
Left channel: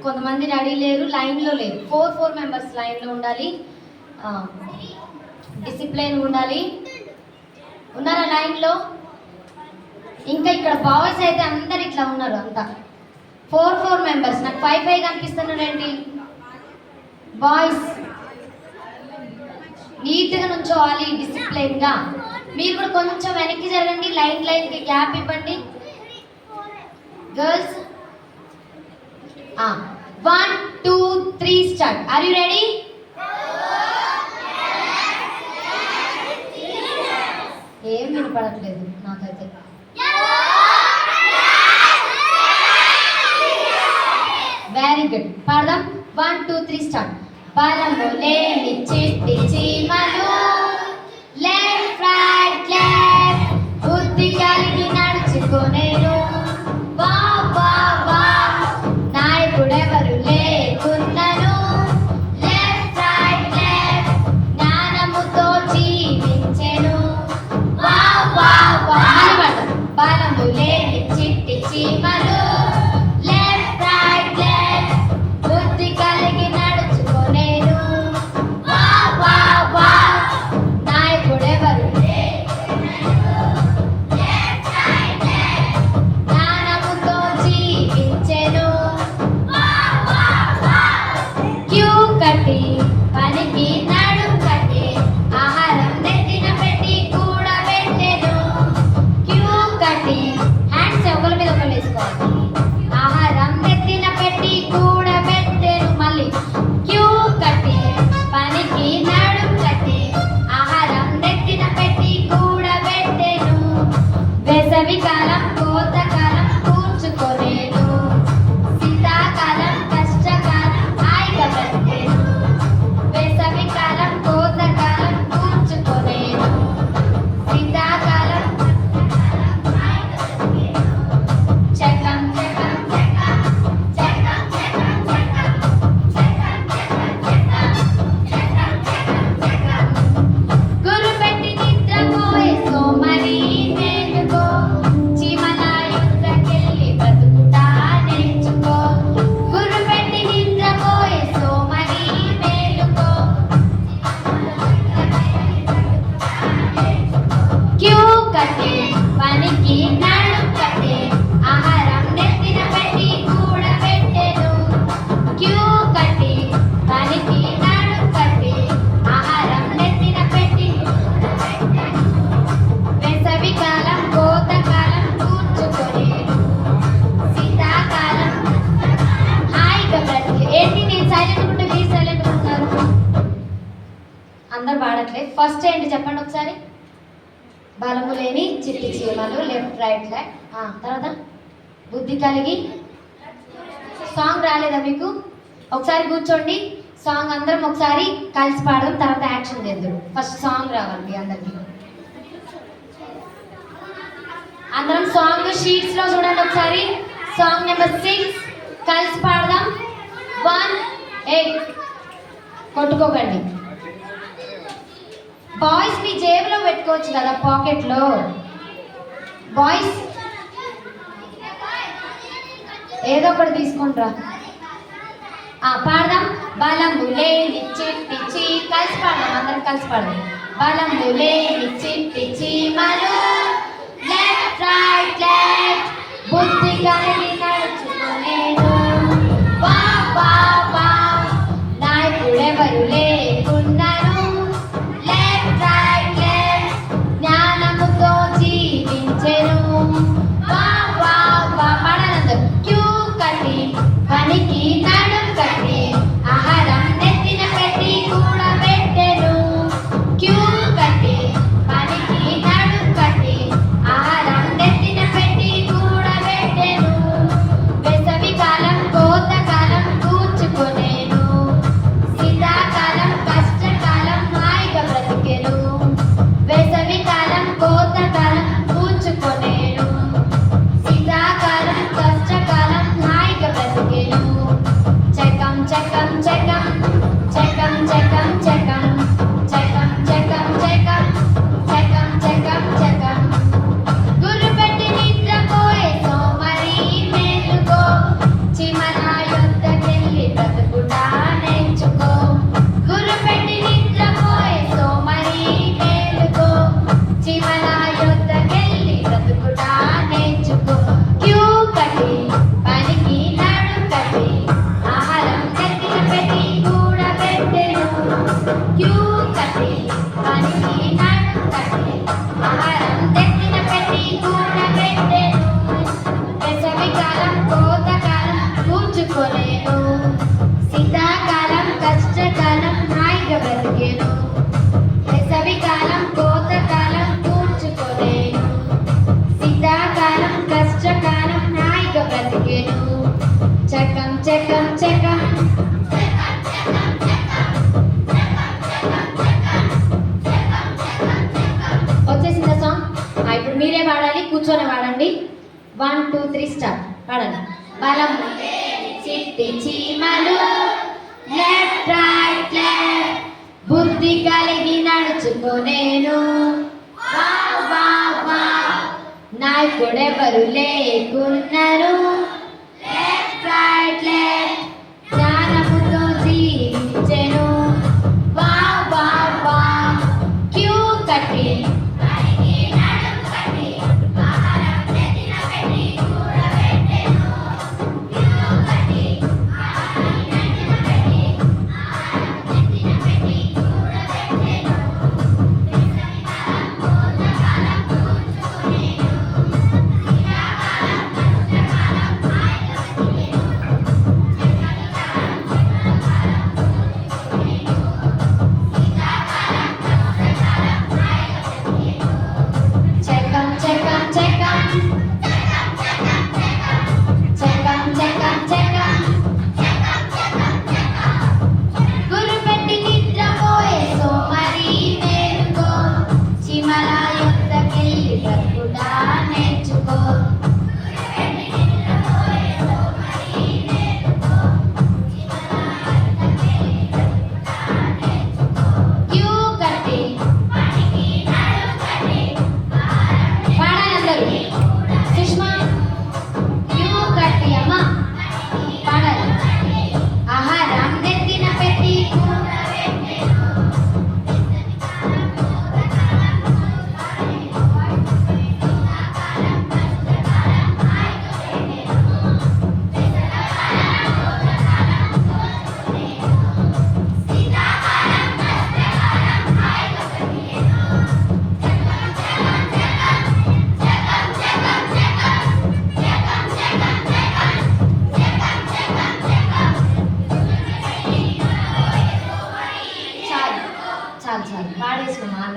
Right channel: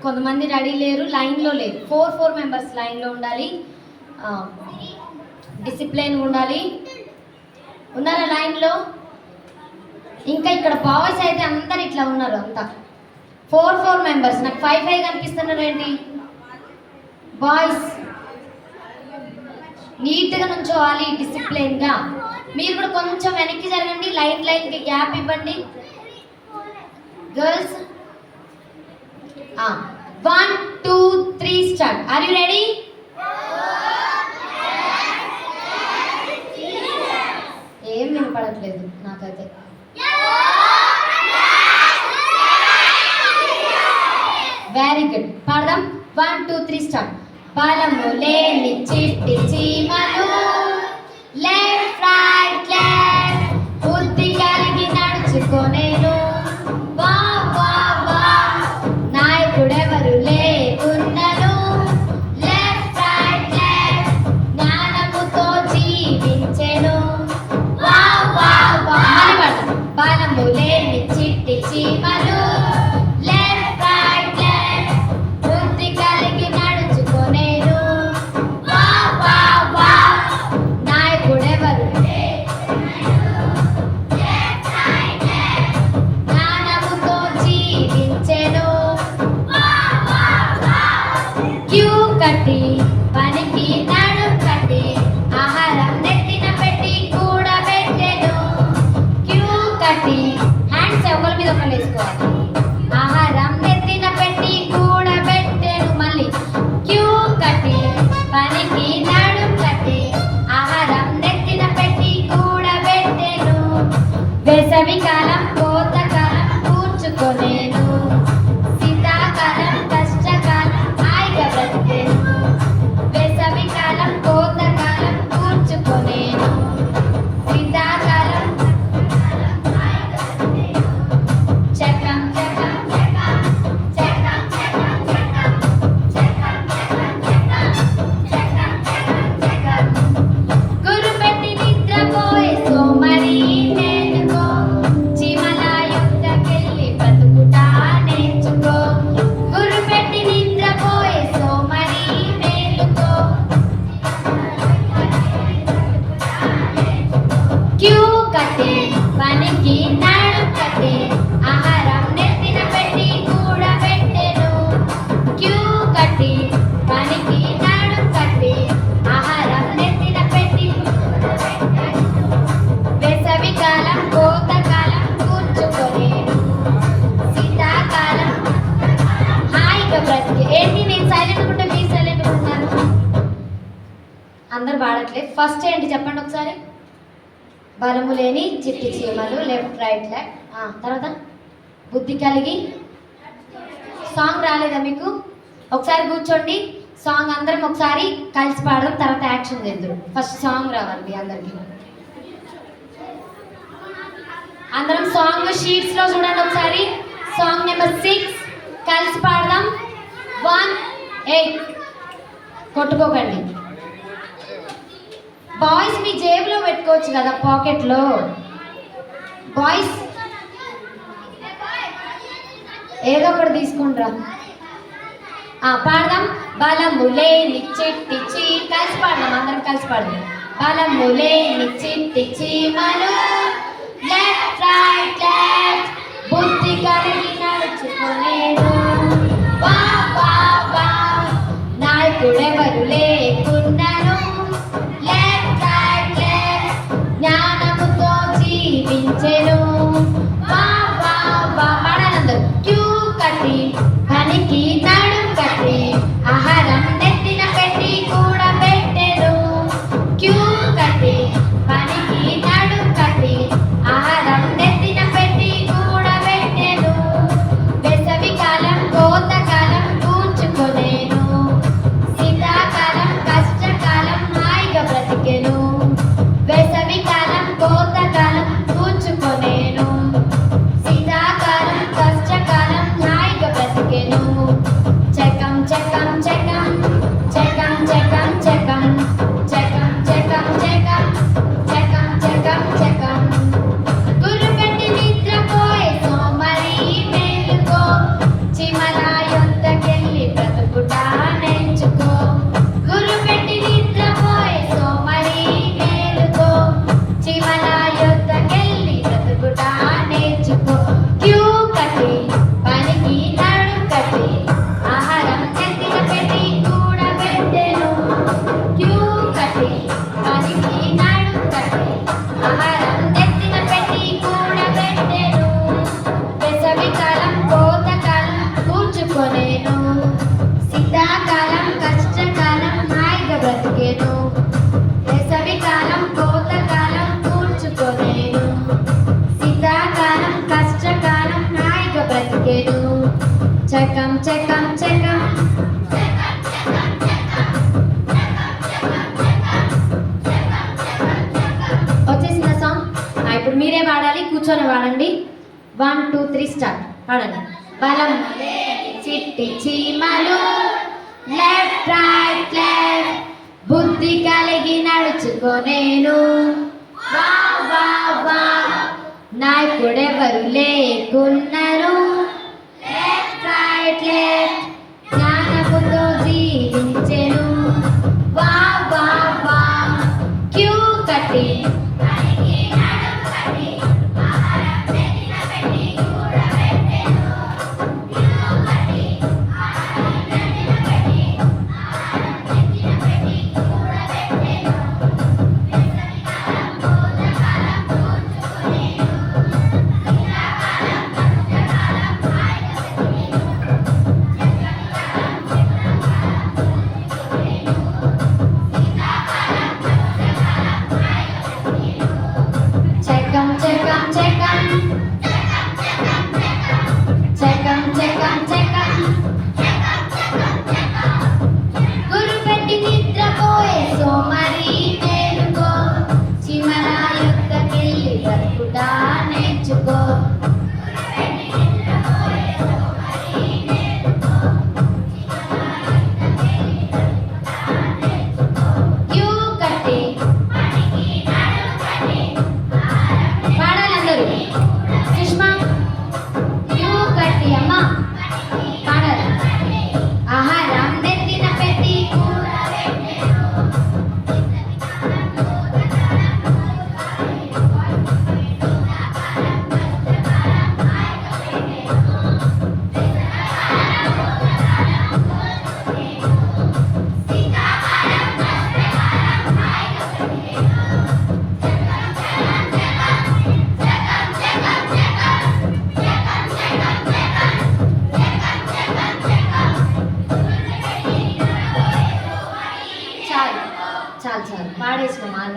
కొంతమంది రెడీ లేరు లైన్లో లేరు 4 మెంబర్స్ లైన్లో ఉండాలి డిసిప్లిన్ ఉండాలి ఉన్నారా లైన్లో ఇంకా ఇక్కడ బాయ్స్ అయితే అందరు ఇట్లా ఉన్నారు అంతా 4 మెంబర్స్ నాకు 5 కనిపిస్తున్నారు ఏంటి బాయ్స్ నీట్గా నుంచోవాలి డిసిప్లిన్గా మీరు కూడా కొంచెం వెనక్కి జరగండి లైన్కి గ్యాప్ ఇవ్వండి girls 1 2 3 start are you ready ఏం వినపడట్లేదు నాకైతే వెరీ గుడ్ పాడదాం 1 2 3 స్టార్ట్ బలము లేని చిట్టి చీమలు లెఫ్ట్ రైట్ లెఫ్ట్ బుద్ధి కలిగి నడుచుకొనేను రావట్లేదు. ఫస్ట్ ఏంటి చెప్పండి ఒకసారి. బలము లేని చిట్టి చీమలు, లెఫ్ట్ రైట్ లెఫ్ట్. తర్వాత బుద్ధి కలిగి. సాంగ్ రాలేదా మీకు? ఒకసారి కూర్చోండి, సాంగ్ అందరం ఒకసారి కలిసి పాడదాం, తర్వాత యాక్షన్ చేద్దాం. ఫస్ట్ సాంగ్ రావాలి మీ అందరికి. అందరం సాంగ్ షీట్స్ లో చూడండి ఒకసారి. సాంగ్ నెంబర్ 6 కలిసి పాడదాం. 1 8 కొట్టుకోకండి. బాయ్స్ మీ జేబులో పెట్టుకోవచ్చు కదా, పాకెట్ లో. బాయ్స్ ఏదో ఒకటి తీసుకుంటారా? పాడదాం. బలము లేని చిట్టి చీ, కలిసి పాడదాం, అందరం కలిసి పాడదాం. బలము లేని చిట్టి చీమలు, లెఫ్ట్ రైట్ లెఫ్ట్, బుద్ధి కలిగి నడుచుకునేను. వా వా వా, నాయకుడెవరు లేకున్నాను. లెఫ్ట్ రైట్ లెఫ్ట్, జ్ఞానముతో జీవించెను. వా వా వా, పాడాలందరూ. క్యూ కట్టి పనికి నడుం కట్టి, ఆహారం నెత్తిన పెట్టి కూడా పెట్టెను. క్యూ కట్టి పనికి నడుం కట్టి, ఆహారం నెత్తిన పెట్టి కూడా పెట్టెను. వేసవి కాలం కోతకాలం కూర్చుకొనేను, శీతాకాలం కష్టకాలం హాయిగా బ్రతికెను. వేసవి కాలం కోతకాలం కూర్చుకొనేను, శీతాకాలం కష్టకాలం హాయిగా బ్రతికెను. చెకం చెకం చెకం, చెకం చెకం చెకం, చెకం చెకం చెకం, చెకం చెకం చెకం. గుర్రుపెట్టి నిద్రపోయే సోమరి మేలుకో, చిమల యొద్దకెళ్ళి బ్రతుకుట నేర్చుకో. గుర్రుపెట్టి నిద్రపోయే సోమరి మేలుకో, చిమల యొద్దకెళ్ళి బ్రతుకుట నేర్చుకో. క్యూ కట్టి పనికి నడుం కట్టి, ఆహారం నెత్తిన పెట్టి కూడా పెట్టెను. క్యూ కట్టి పనికి నడుం కట్టి, ఆహారం నెత్తిన పెట్టి కూడా పెట్టెను. వేసవి కాలం కోతకాలం కూర్చుకొనేను, శీతాకాలం కష్టకాలం హాయిగా బ్రతికెను. వేసవి కాలం కోతకాలం కూర్చుకొనేను, శీతాకాలం కష్టకాలం హాయిగా బ్రతికెను. చెకం చెకం చెకం, వచ్చేసిందా సాంగ్? ఇప్పుడు మీరే పాడాలి, కూర్చొని పాడండి. 1 2 3 స్టార్ట్, పాడండి. బలం చిట్టి చీమలు, లెఫ్ట్ రైట్ లెఫ్ట్, బుద్ధి కలిగి నడుచుకొనేను. వా వా వా, నాయకుడెవరు లేకున్నను. లెఫ్ట్ రైట్ లెఫ్ట్, జ్ఞానముతో జీవించెను. వా వా వా, క్యూ కట్టి పనికి నడుం కట్టి, ఆహారం నెత్తిన పెట్టి కూడా పెట్టెను. క్యూ కట్టి ఆహారం నెత్తిన పెట్టి, ఆహారం నెత్తిన పెట్టి కూడా పెట్టెను. వేసవి కాలం కోతకాలం కూర్చుకొనేను, శీతాకాలం కష్టకాలం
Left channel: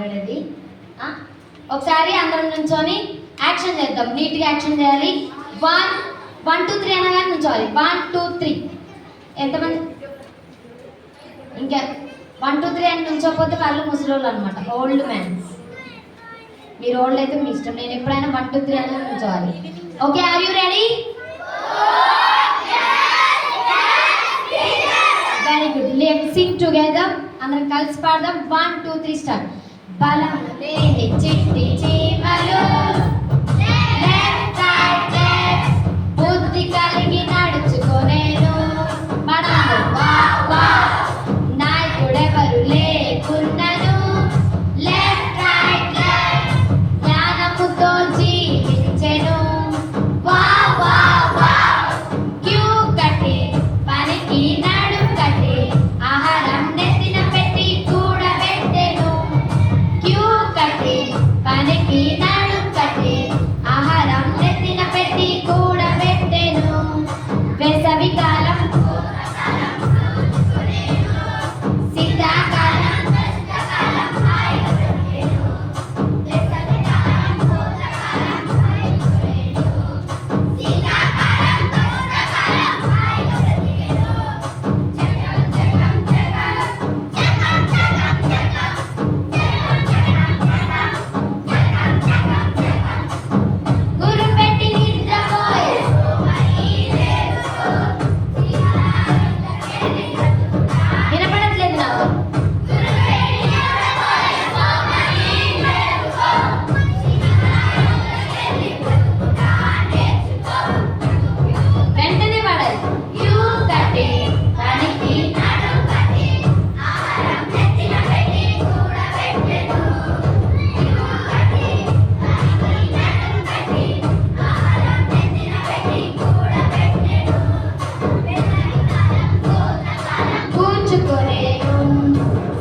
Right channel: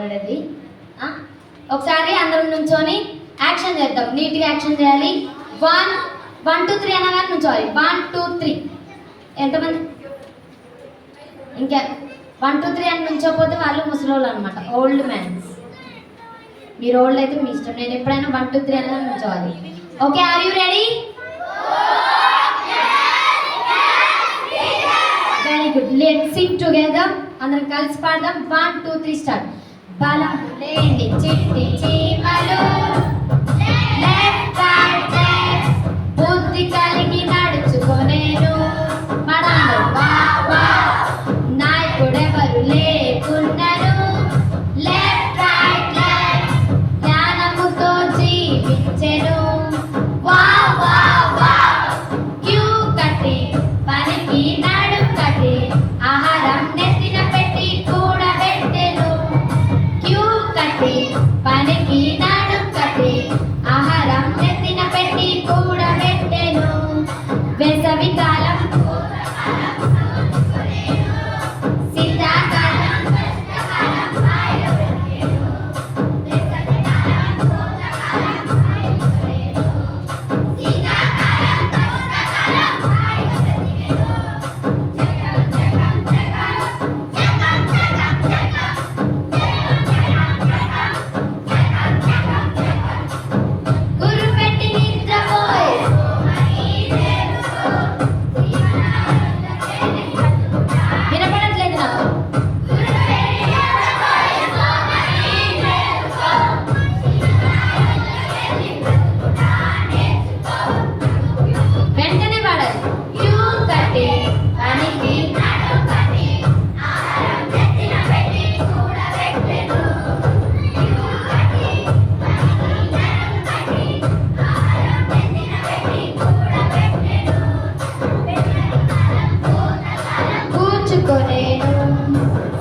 ఆల్రెడీ. ఒకసారి అందరం నుంచొని యాక్షన్ చేద్దాం. నీట్గా యాక్షన్ చేయాలి. 1 1 2 3 అనగానే నుంచోవాలి. 1 2 3. ఎంతమంది ఇంకా 1 2 3 అని నుంచోకపోతే వాళ్ళు ముసలోళ్ళు అనమాట, ఓల్డ్ మ్యాన్స్. మీరు ఓల్డ్ అయితే మీ ఇష్టం. నేను ఎప్పుడైనా 1 2 3 అనగానే నుంచోవాలి. Okay, are you ready? Very good. Let's sing together. అందరం కలిసి పాడదాం. 1 2 3 స్టార్ట్. బలం లేని చిట్టి చీమలు లెఫ్ట్ రైట్ లెఫ్ట్, బుద్ధి కలిగి నడుచుకొనేను. మనందరూ వా వా. నాయకుడెవరు లేకున్నను లెఫ్ట్ రైట్ లెఫ్ట్, జ్ఞానముతో జీవించెను. వా వా వా. క్యూ కట్టి పనికి నడుం కట్టి ఆహారం నెత్తిన పెట్టి కూడబెట్టెను. క్యూ కట్టి పనికి నడుం కట్టి ఆహారం నెత్తిన పెట్టి కూడబెట్టెను. వేసవి కాలం శీతాకాలం గురు పెట్టి నిద్రపోయే వినపడట్లేదు నాకు. వెంటనే పాడాలి. క్యూ కట్టి పనికి నడుం కట్టి ఆహారం నెత్తిన పెట్టి కూడబెట్టెను. క్యూ కట్టి పనికి నడుం కట్టి ఆహారం నెత్తిన పెట్టి కూడబెట్టెను. కూర్చుకొనేను.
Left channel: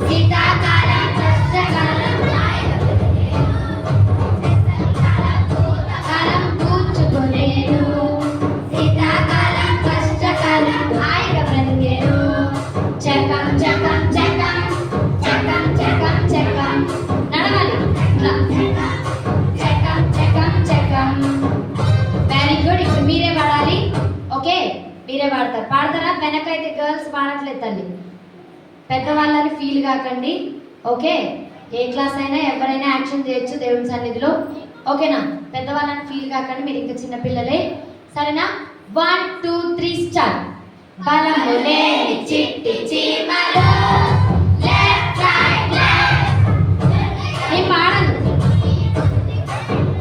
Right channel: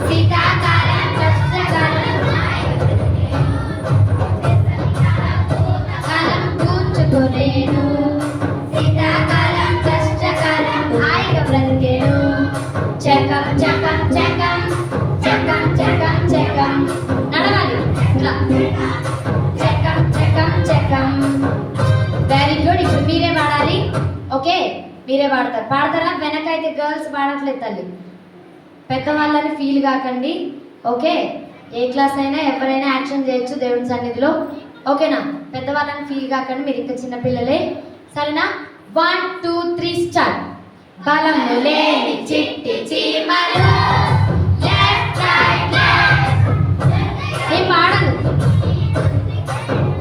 శీతాకాలం కష్టకాలం కాలం కూర్చుకొనేను. శీతాకాలం కష్టకాలం హాయిగా బ్రతికేను. చకం చకం చకం చకం చకం చకం. నడవాలి ఇట్లా. చకం చకం చకం. Very good. ఇప్పుడు మీరే పాడాలి. ఓకే, మీరే పాడతారు. పాడతారా? వెనకైతే గర్ల్స్ పాడట్లేదు తల్లి. పెద్దవాళ్ళని ఫీల్ కాకండి. ఓకే, ఏ క్లాస్ అయినా ఎవరైనా యాక్షన్ చేయొచ్చు దేవుని సన్నిధిలో. ఓకేనా? పెద్దవాళ్ళని ఫీల్ కాకండి, మీరు ఇంకా చిన్నపిల్లలే. సరేనా? 1 2 3 స్టార్ట్. బలము లేని చిట్టి చీమలు లెఫ్ట్ రైట్ లెఫ్ట్. నేను పాడను.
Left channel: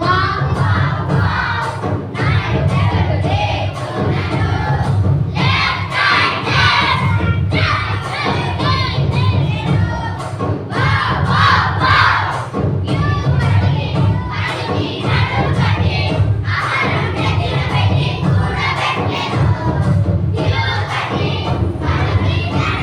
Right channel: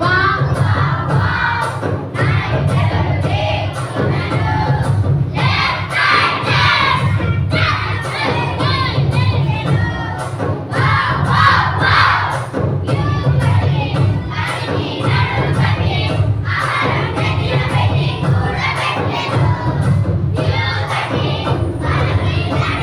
వా వా వా. నాయకుడెవరు లేకున్నను లెఫ్ట్ రైట్ లెఫ్ట్. వా వా వా. క్యూ కట్టి పనికి నడుం కట్టి ఆహారం నెత్తిన పెట్టి కూడబెట్టెను. క్యూ కట్టి పనికి నడుం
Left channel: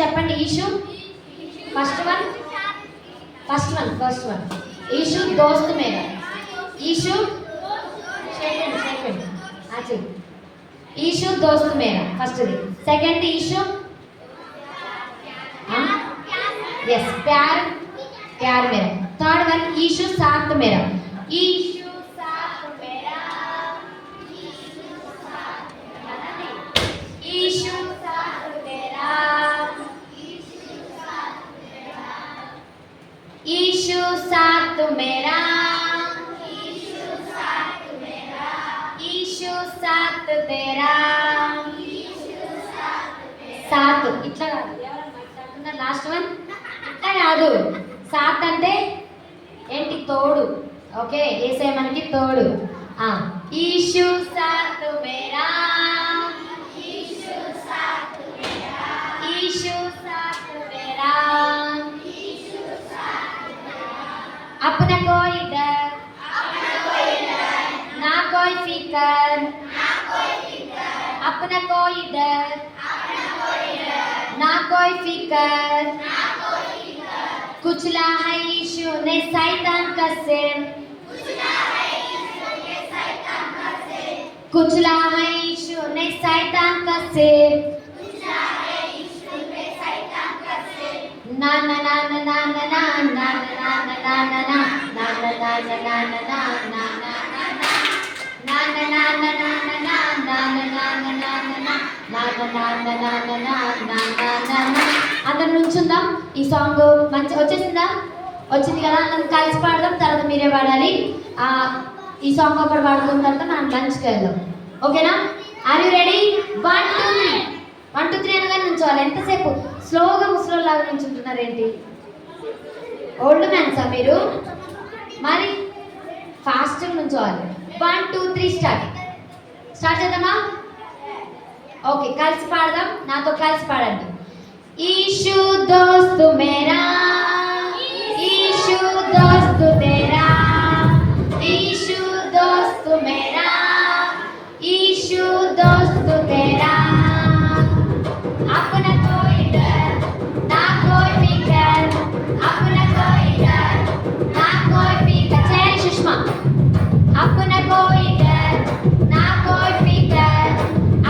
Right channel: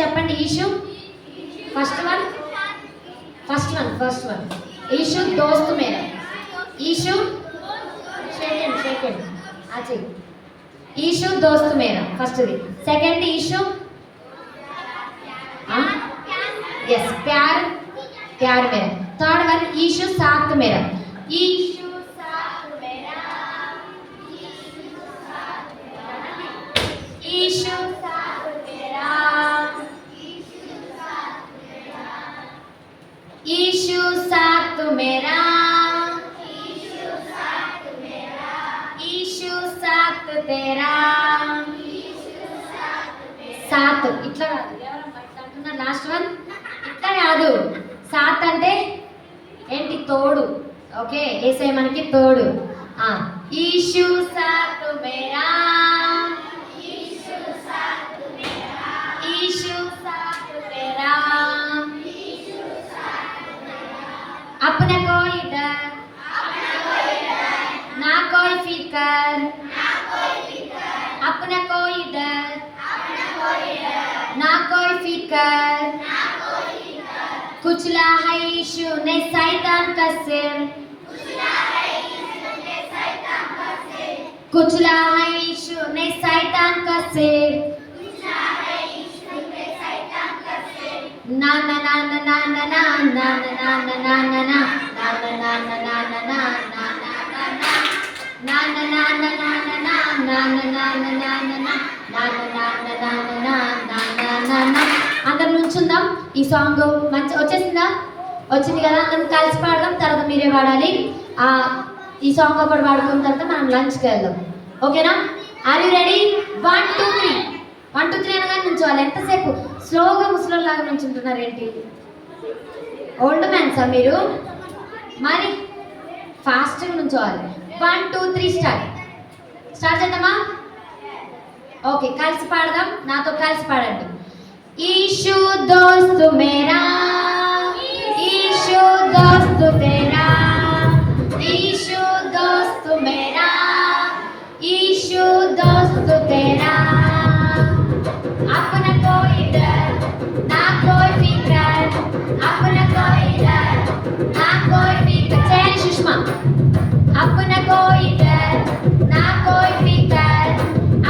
చెప్పండి. ఈషు ఫస్ట్ వన్ ఈషు దోస్త్ మేరా. ఈషు సెకండ్ ఈషు దోస్త్ మేరా ఫస్ట్ది. సెకండ్ ఈషు ఎస్ ప్యార్ మేరా. థర్డ్ వన్ ఈషు సాత్ మేరా. ఈషు సాత్ మేరా. ఈషు సాత్ మేరా. ఈషు సాత్ మేరా. ఈషు సాత్ తేరా. సాత్ ఇట్లా కాదు, ఎవరన్నా లాస్ట్ వన్ ఇట్లా కాదు. సాత్ అంటే ఏంటి? తోడు. ఓకే, ఏసే మనకి తోడు. ఈషు సాత్ మేరా. ఈషు సాత్ మేరా. अपना कोई डर ना कोई फिकर. अपना कोई डर ना कोई फिकर. कुचला है यीशु ने शैतान का सिर. कुचला है यीशु ने शैतान का सिर. ना ना ना ना ना ना ना ना ना ना ना ना ना అందరు నుంచుందాం. ఈ సాంగ్ మంచి వచ్చేసిందా? వచ్చింది కదా, అందరం కలిసి పాడదాం. తర్వాత మీరే పాడాలి. ఈ సాంగ్ ఒకటి పాడుకున్న తర్వాత మనం లంచ్కి వెళ్దాం. ఓకేనా? Are you ready? 1 2 3 1 2 3 అనగానే నుంచోవాలి. ఎంతసేపు స్లోగా ముసలోళ్ళలాగా నుంచుంటున్నారు ఏంటి? ఓల్డ్ మ్యాన్సా మీరు? మరి ఫాస్ట్గా నుంచోవాలి. 1 2 3 స్టార్ట్ చేద్దామా? ఓకే, కలిసి పాడదాం. నాతో కలిసి పాడండి. ఈషు దోస్తు మేరా. ఈషు దోస్తు తేరా. ఈషు దోస్తు మేరా. ఈషు దోస్తు తేరా. अपना कोई डर ना कोई फिकर. अपना कोई डर ना कोई फिकर. चैन सुषमा. अपना कोई डर ना कोई फिकर.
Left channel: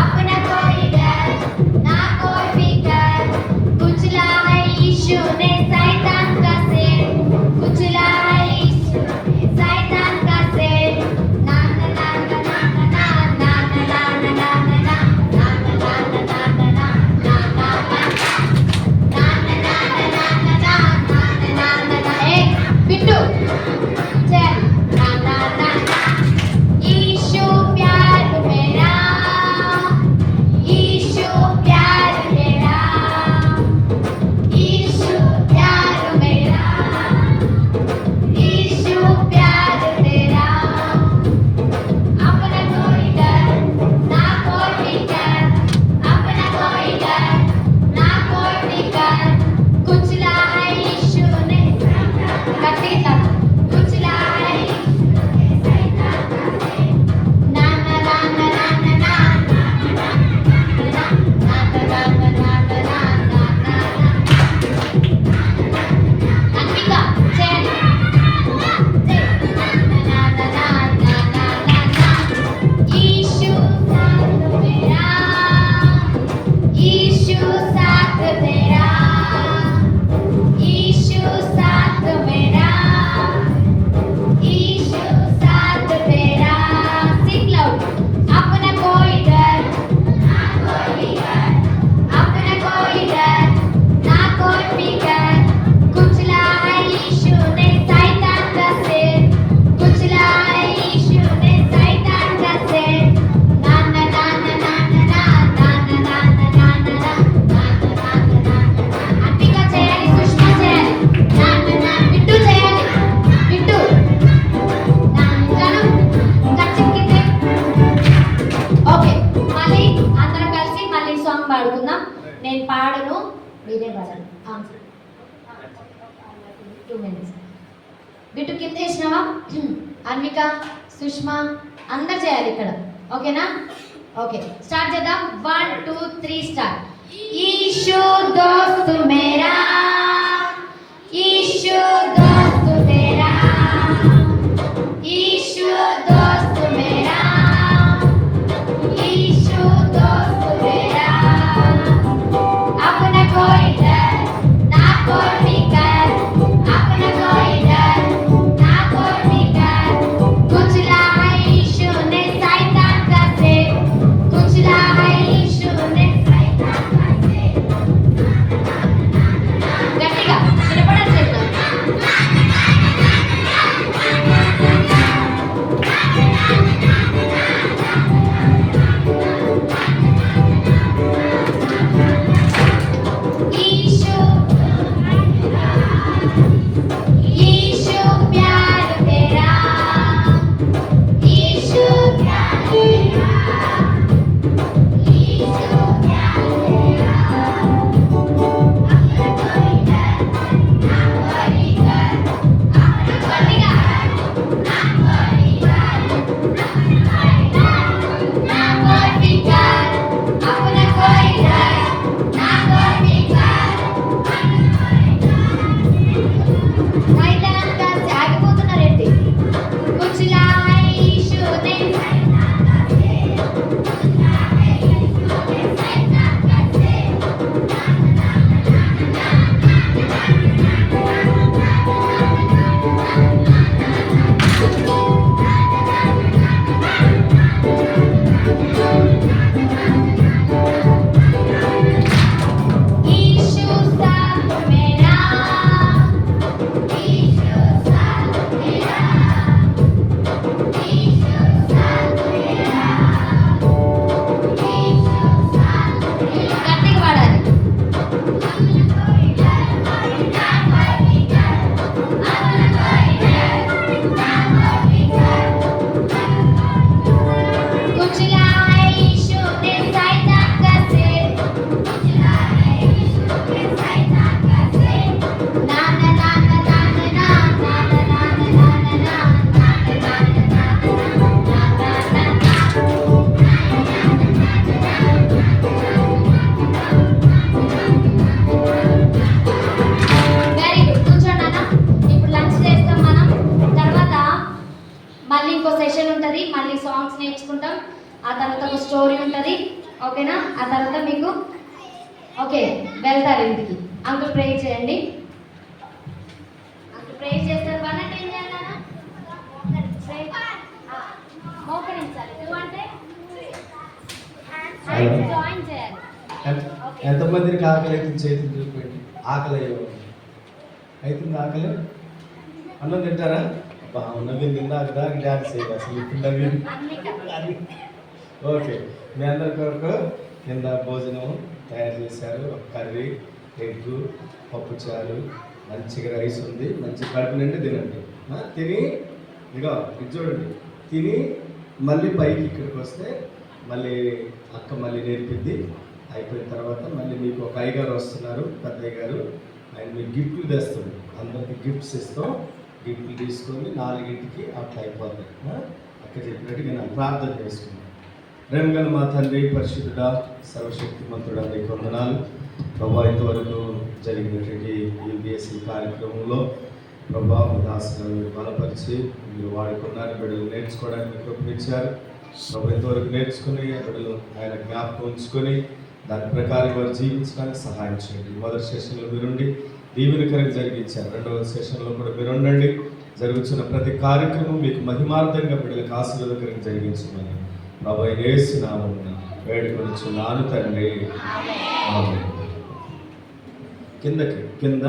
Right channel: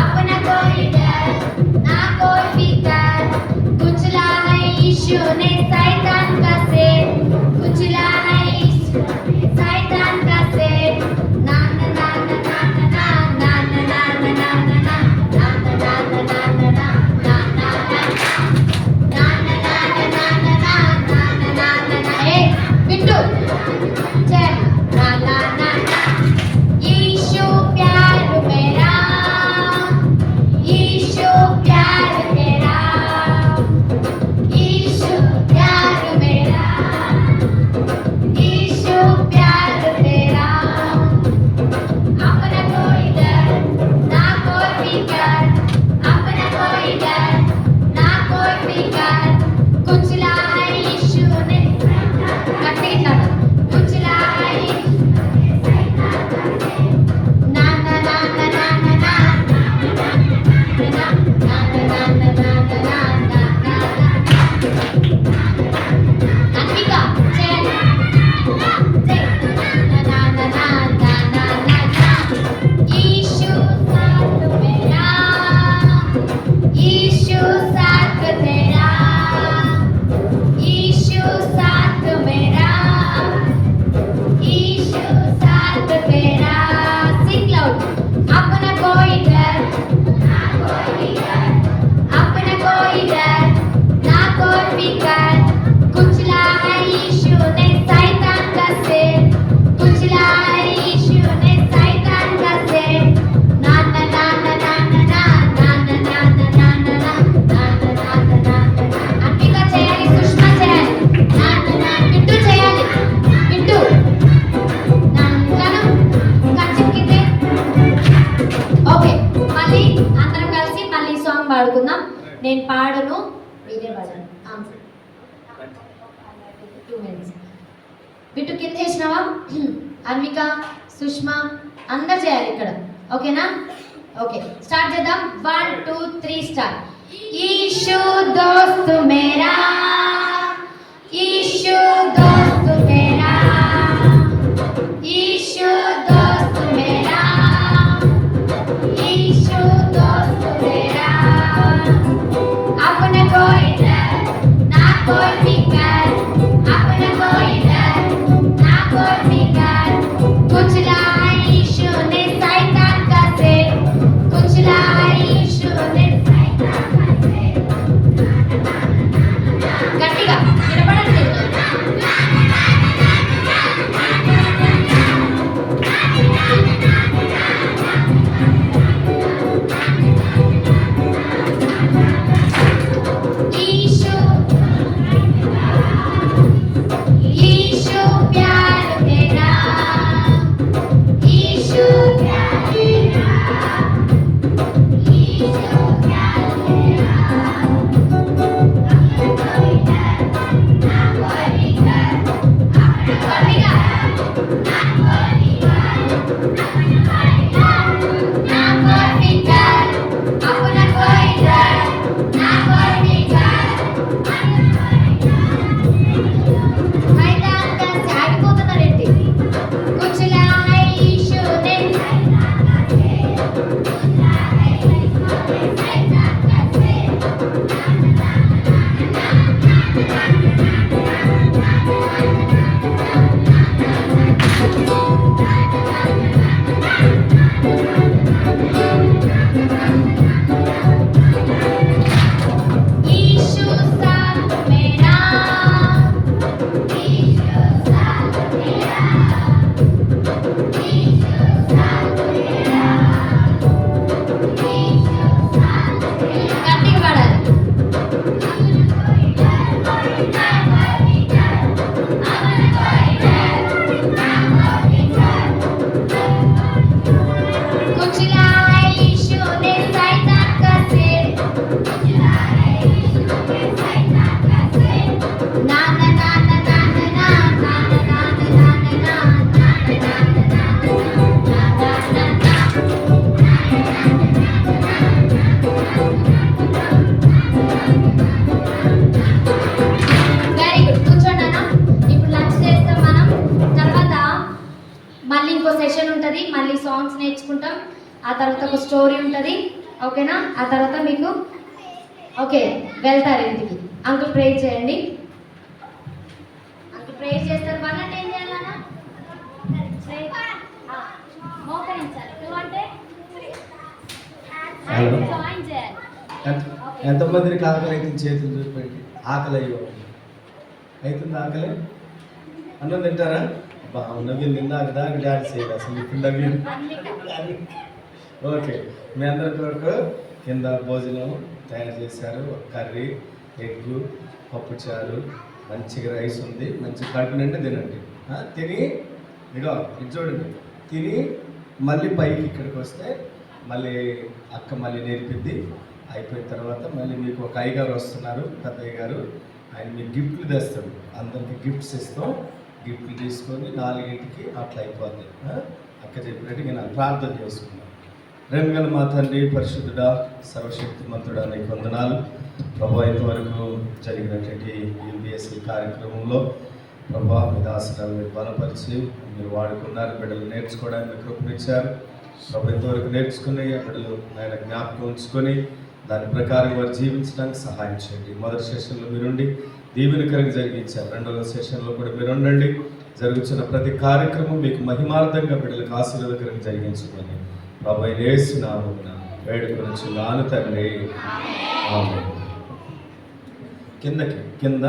अपना कोई डर ना कोई फिकर. कुचला है यीशु ने शैतान का सिर. कुचला है यीशु ने शैतान का सिर. ना ना ना ना ना ना ना ना ना ना ना ना నేను పాడను, మీరే పాడండి. 2 minutes. బిట్టు కింద వేసినావా? అన్విక, సుష్మా అందరు చేయాలి ఇక్కడ. ఓకేనా? ఓకే, స్టార్ట్ చేద్దాం. 1 2 3 స్టార్ట్. ईशु दोस्त मेरा, ईशु दोस्त मेरा, ईशु दोस्त मेरा, ईशु दोस्त मेरा। अपना कोई डर ना कोई फिकर, अपना कोई डर ना कोई फिकर। कुचला है यीशु ने शैतान का सिर, कुचला है यीशु ने शैतान का सिर। గట్టిగా వినపడట్లేదు. ईशु ईशु प्यार तेरा, ईशु प्यार तेरा, ईशु प्यार तेरा। अपना कोई डर ना कोई डर, अपना कोई डर ना कोई डर, अपना कोई फिकर, अपना कोई डर ना कोई फिकर। शैतान का से ఆగిపోతున్నారేంటి? కుచలా है यीशु ने शैतान का सिर, कुचला है यीशु ने शैतान का सिर। ईशु साथ मेरा, ईशु साथ मेरा, ईशु साथ मेरा, ईशु साथ मेरा। గట్టిగా పాడాలి. कुचला है यीशु ने शैतान का सिर, कुचला है यीशु ने शैतान का सिर। ना ना ना ना ना ना ना ना ना ना ना వెరీ గుడ్. కూర్చోండి అన్న. ఇప్పుడు లంచ్ చేస్తాం మనం. తర్వాత మళ్ళీ ఇంకో సెషన్ ఉంటుంది, మళ్ళీ సాంగ్స్ నేర్చుకుంటాం. ఆ తర్వాత ఒక స్టోరీ ఉంటుంది, ఓకేనా? ఆ తర్వాత మీకు ఓకే వెళ్తారు ఇంటికి. అంకుల్ ప్రే చేయండి. అంకుల్ ప్రే చేస్తారు. పన్నెండు ఏం చేయాలన్నా? మోకరించాలి. నువ్వంటే జాయిన్ చేయాలి. ఎంతమందికి ఆకలి అవుతుంది? చేతులు చూపెట్టి. ఆకలి అయ్యేవాళ్ళు అవుతుంది. ఆకలి అన్నం తింటారా? నవీన్ తిన్నాక దాకా డాన్స్ చేయాలి. అసలు ఇప్పుడు నవీన్ ఓకే. మీ అందరి కొరకు కింద భోజనం తయారు చేశారు. కర్రీ, ఎగ్గు, పప్పుచారు, మంచిగా రైస్ ఉంది. మంచి కడుపు నిండి తినండి. తిని ఇదిగో ఇది చూడండి. తిని మళ్ళీ పైకి ఇక్కడికి వస్తే మళ్ళీ అక్క మళ్ళీ నేర్పిద్ది. అయిపోయిన తర్వాత మళ్ళీ మీకు ఒక అయ్యగారు వస్తున్నారు, పెద్ద అయ్యగారు. ఆయన మీకు గిఫ్ట్లు తెస్తాడు. అందరికి గిఫ్ట్స్ ఇస్తాం. గిఫ్ట్లు తీసుకొని 4ంటికి అట్లా అయిపోతాయి. అక్క చెప్పినట్టుగా నేను ప్రార్థన చేసుకున్నాను. ప్రేమగల మా తండ్రి, పరిశుద్ధుడా, సర్వశక్తిమంతుడా, నీకు వందనాలు ప్రభా. ఇంతవరకు జరిగినటువంటి యూపీఎస్సీ కార్యక్రమంలో ప్రభా మీ దాసరాలు మీరు బలపరిచి మీరు వాడుకున్నారు. బిడ్డలు నేర్చుకోవడానికి మీరు కృపనిచ్చారు ప్రభు. ఇంతవరకు నేర్చుకుని ఆ బిడ్డలు ఆయన జ్ఞాపకం ఉంచుకొని దాని ప్రకారం వారు జీవించడానికి సహాయం చేయండి. మొదటి సెషన్లో మీరుండి దీవెనకరంగా జరిగించారు. రెండవ సెషన్లో కూడా మీరుండండి. జరుగుతున్న ప్రతి కార్యక్రమం మీకు మహిమార్థంగా బిడ్డలకు ఆశీర్వాదకరంగా జరిగించమని ప్రభు యేసు నామమున వేడుకొనుచున్నాను తండ్రి. ఆమేన్. కింద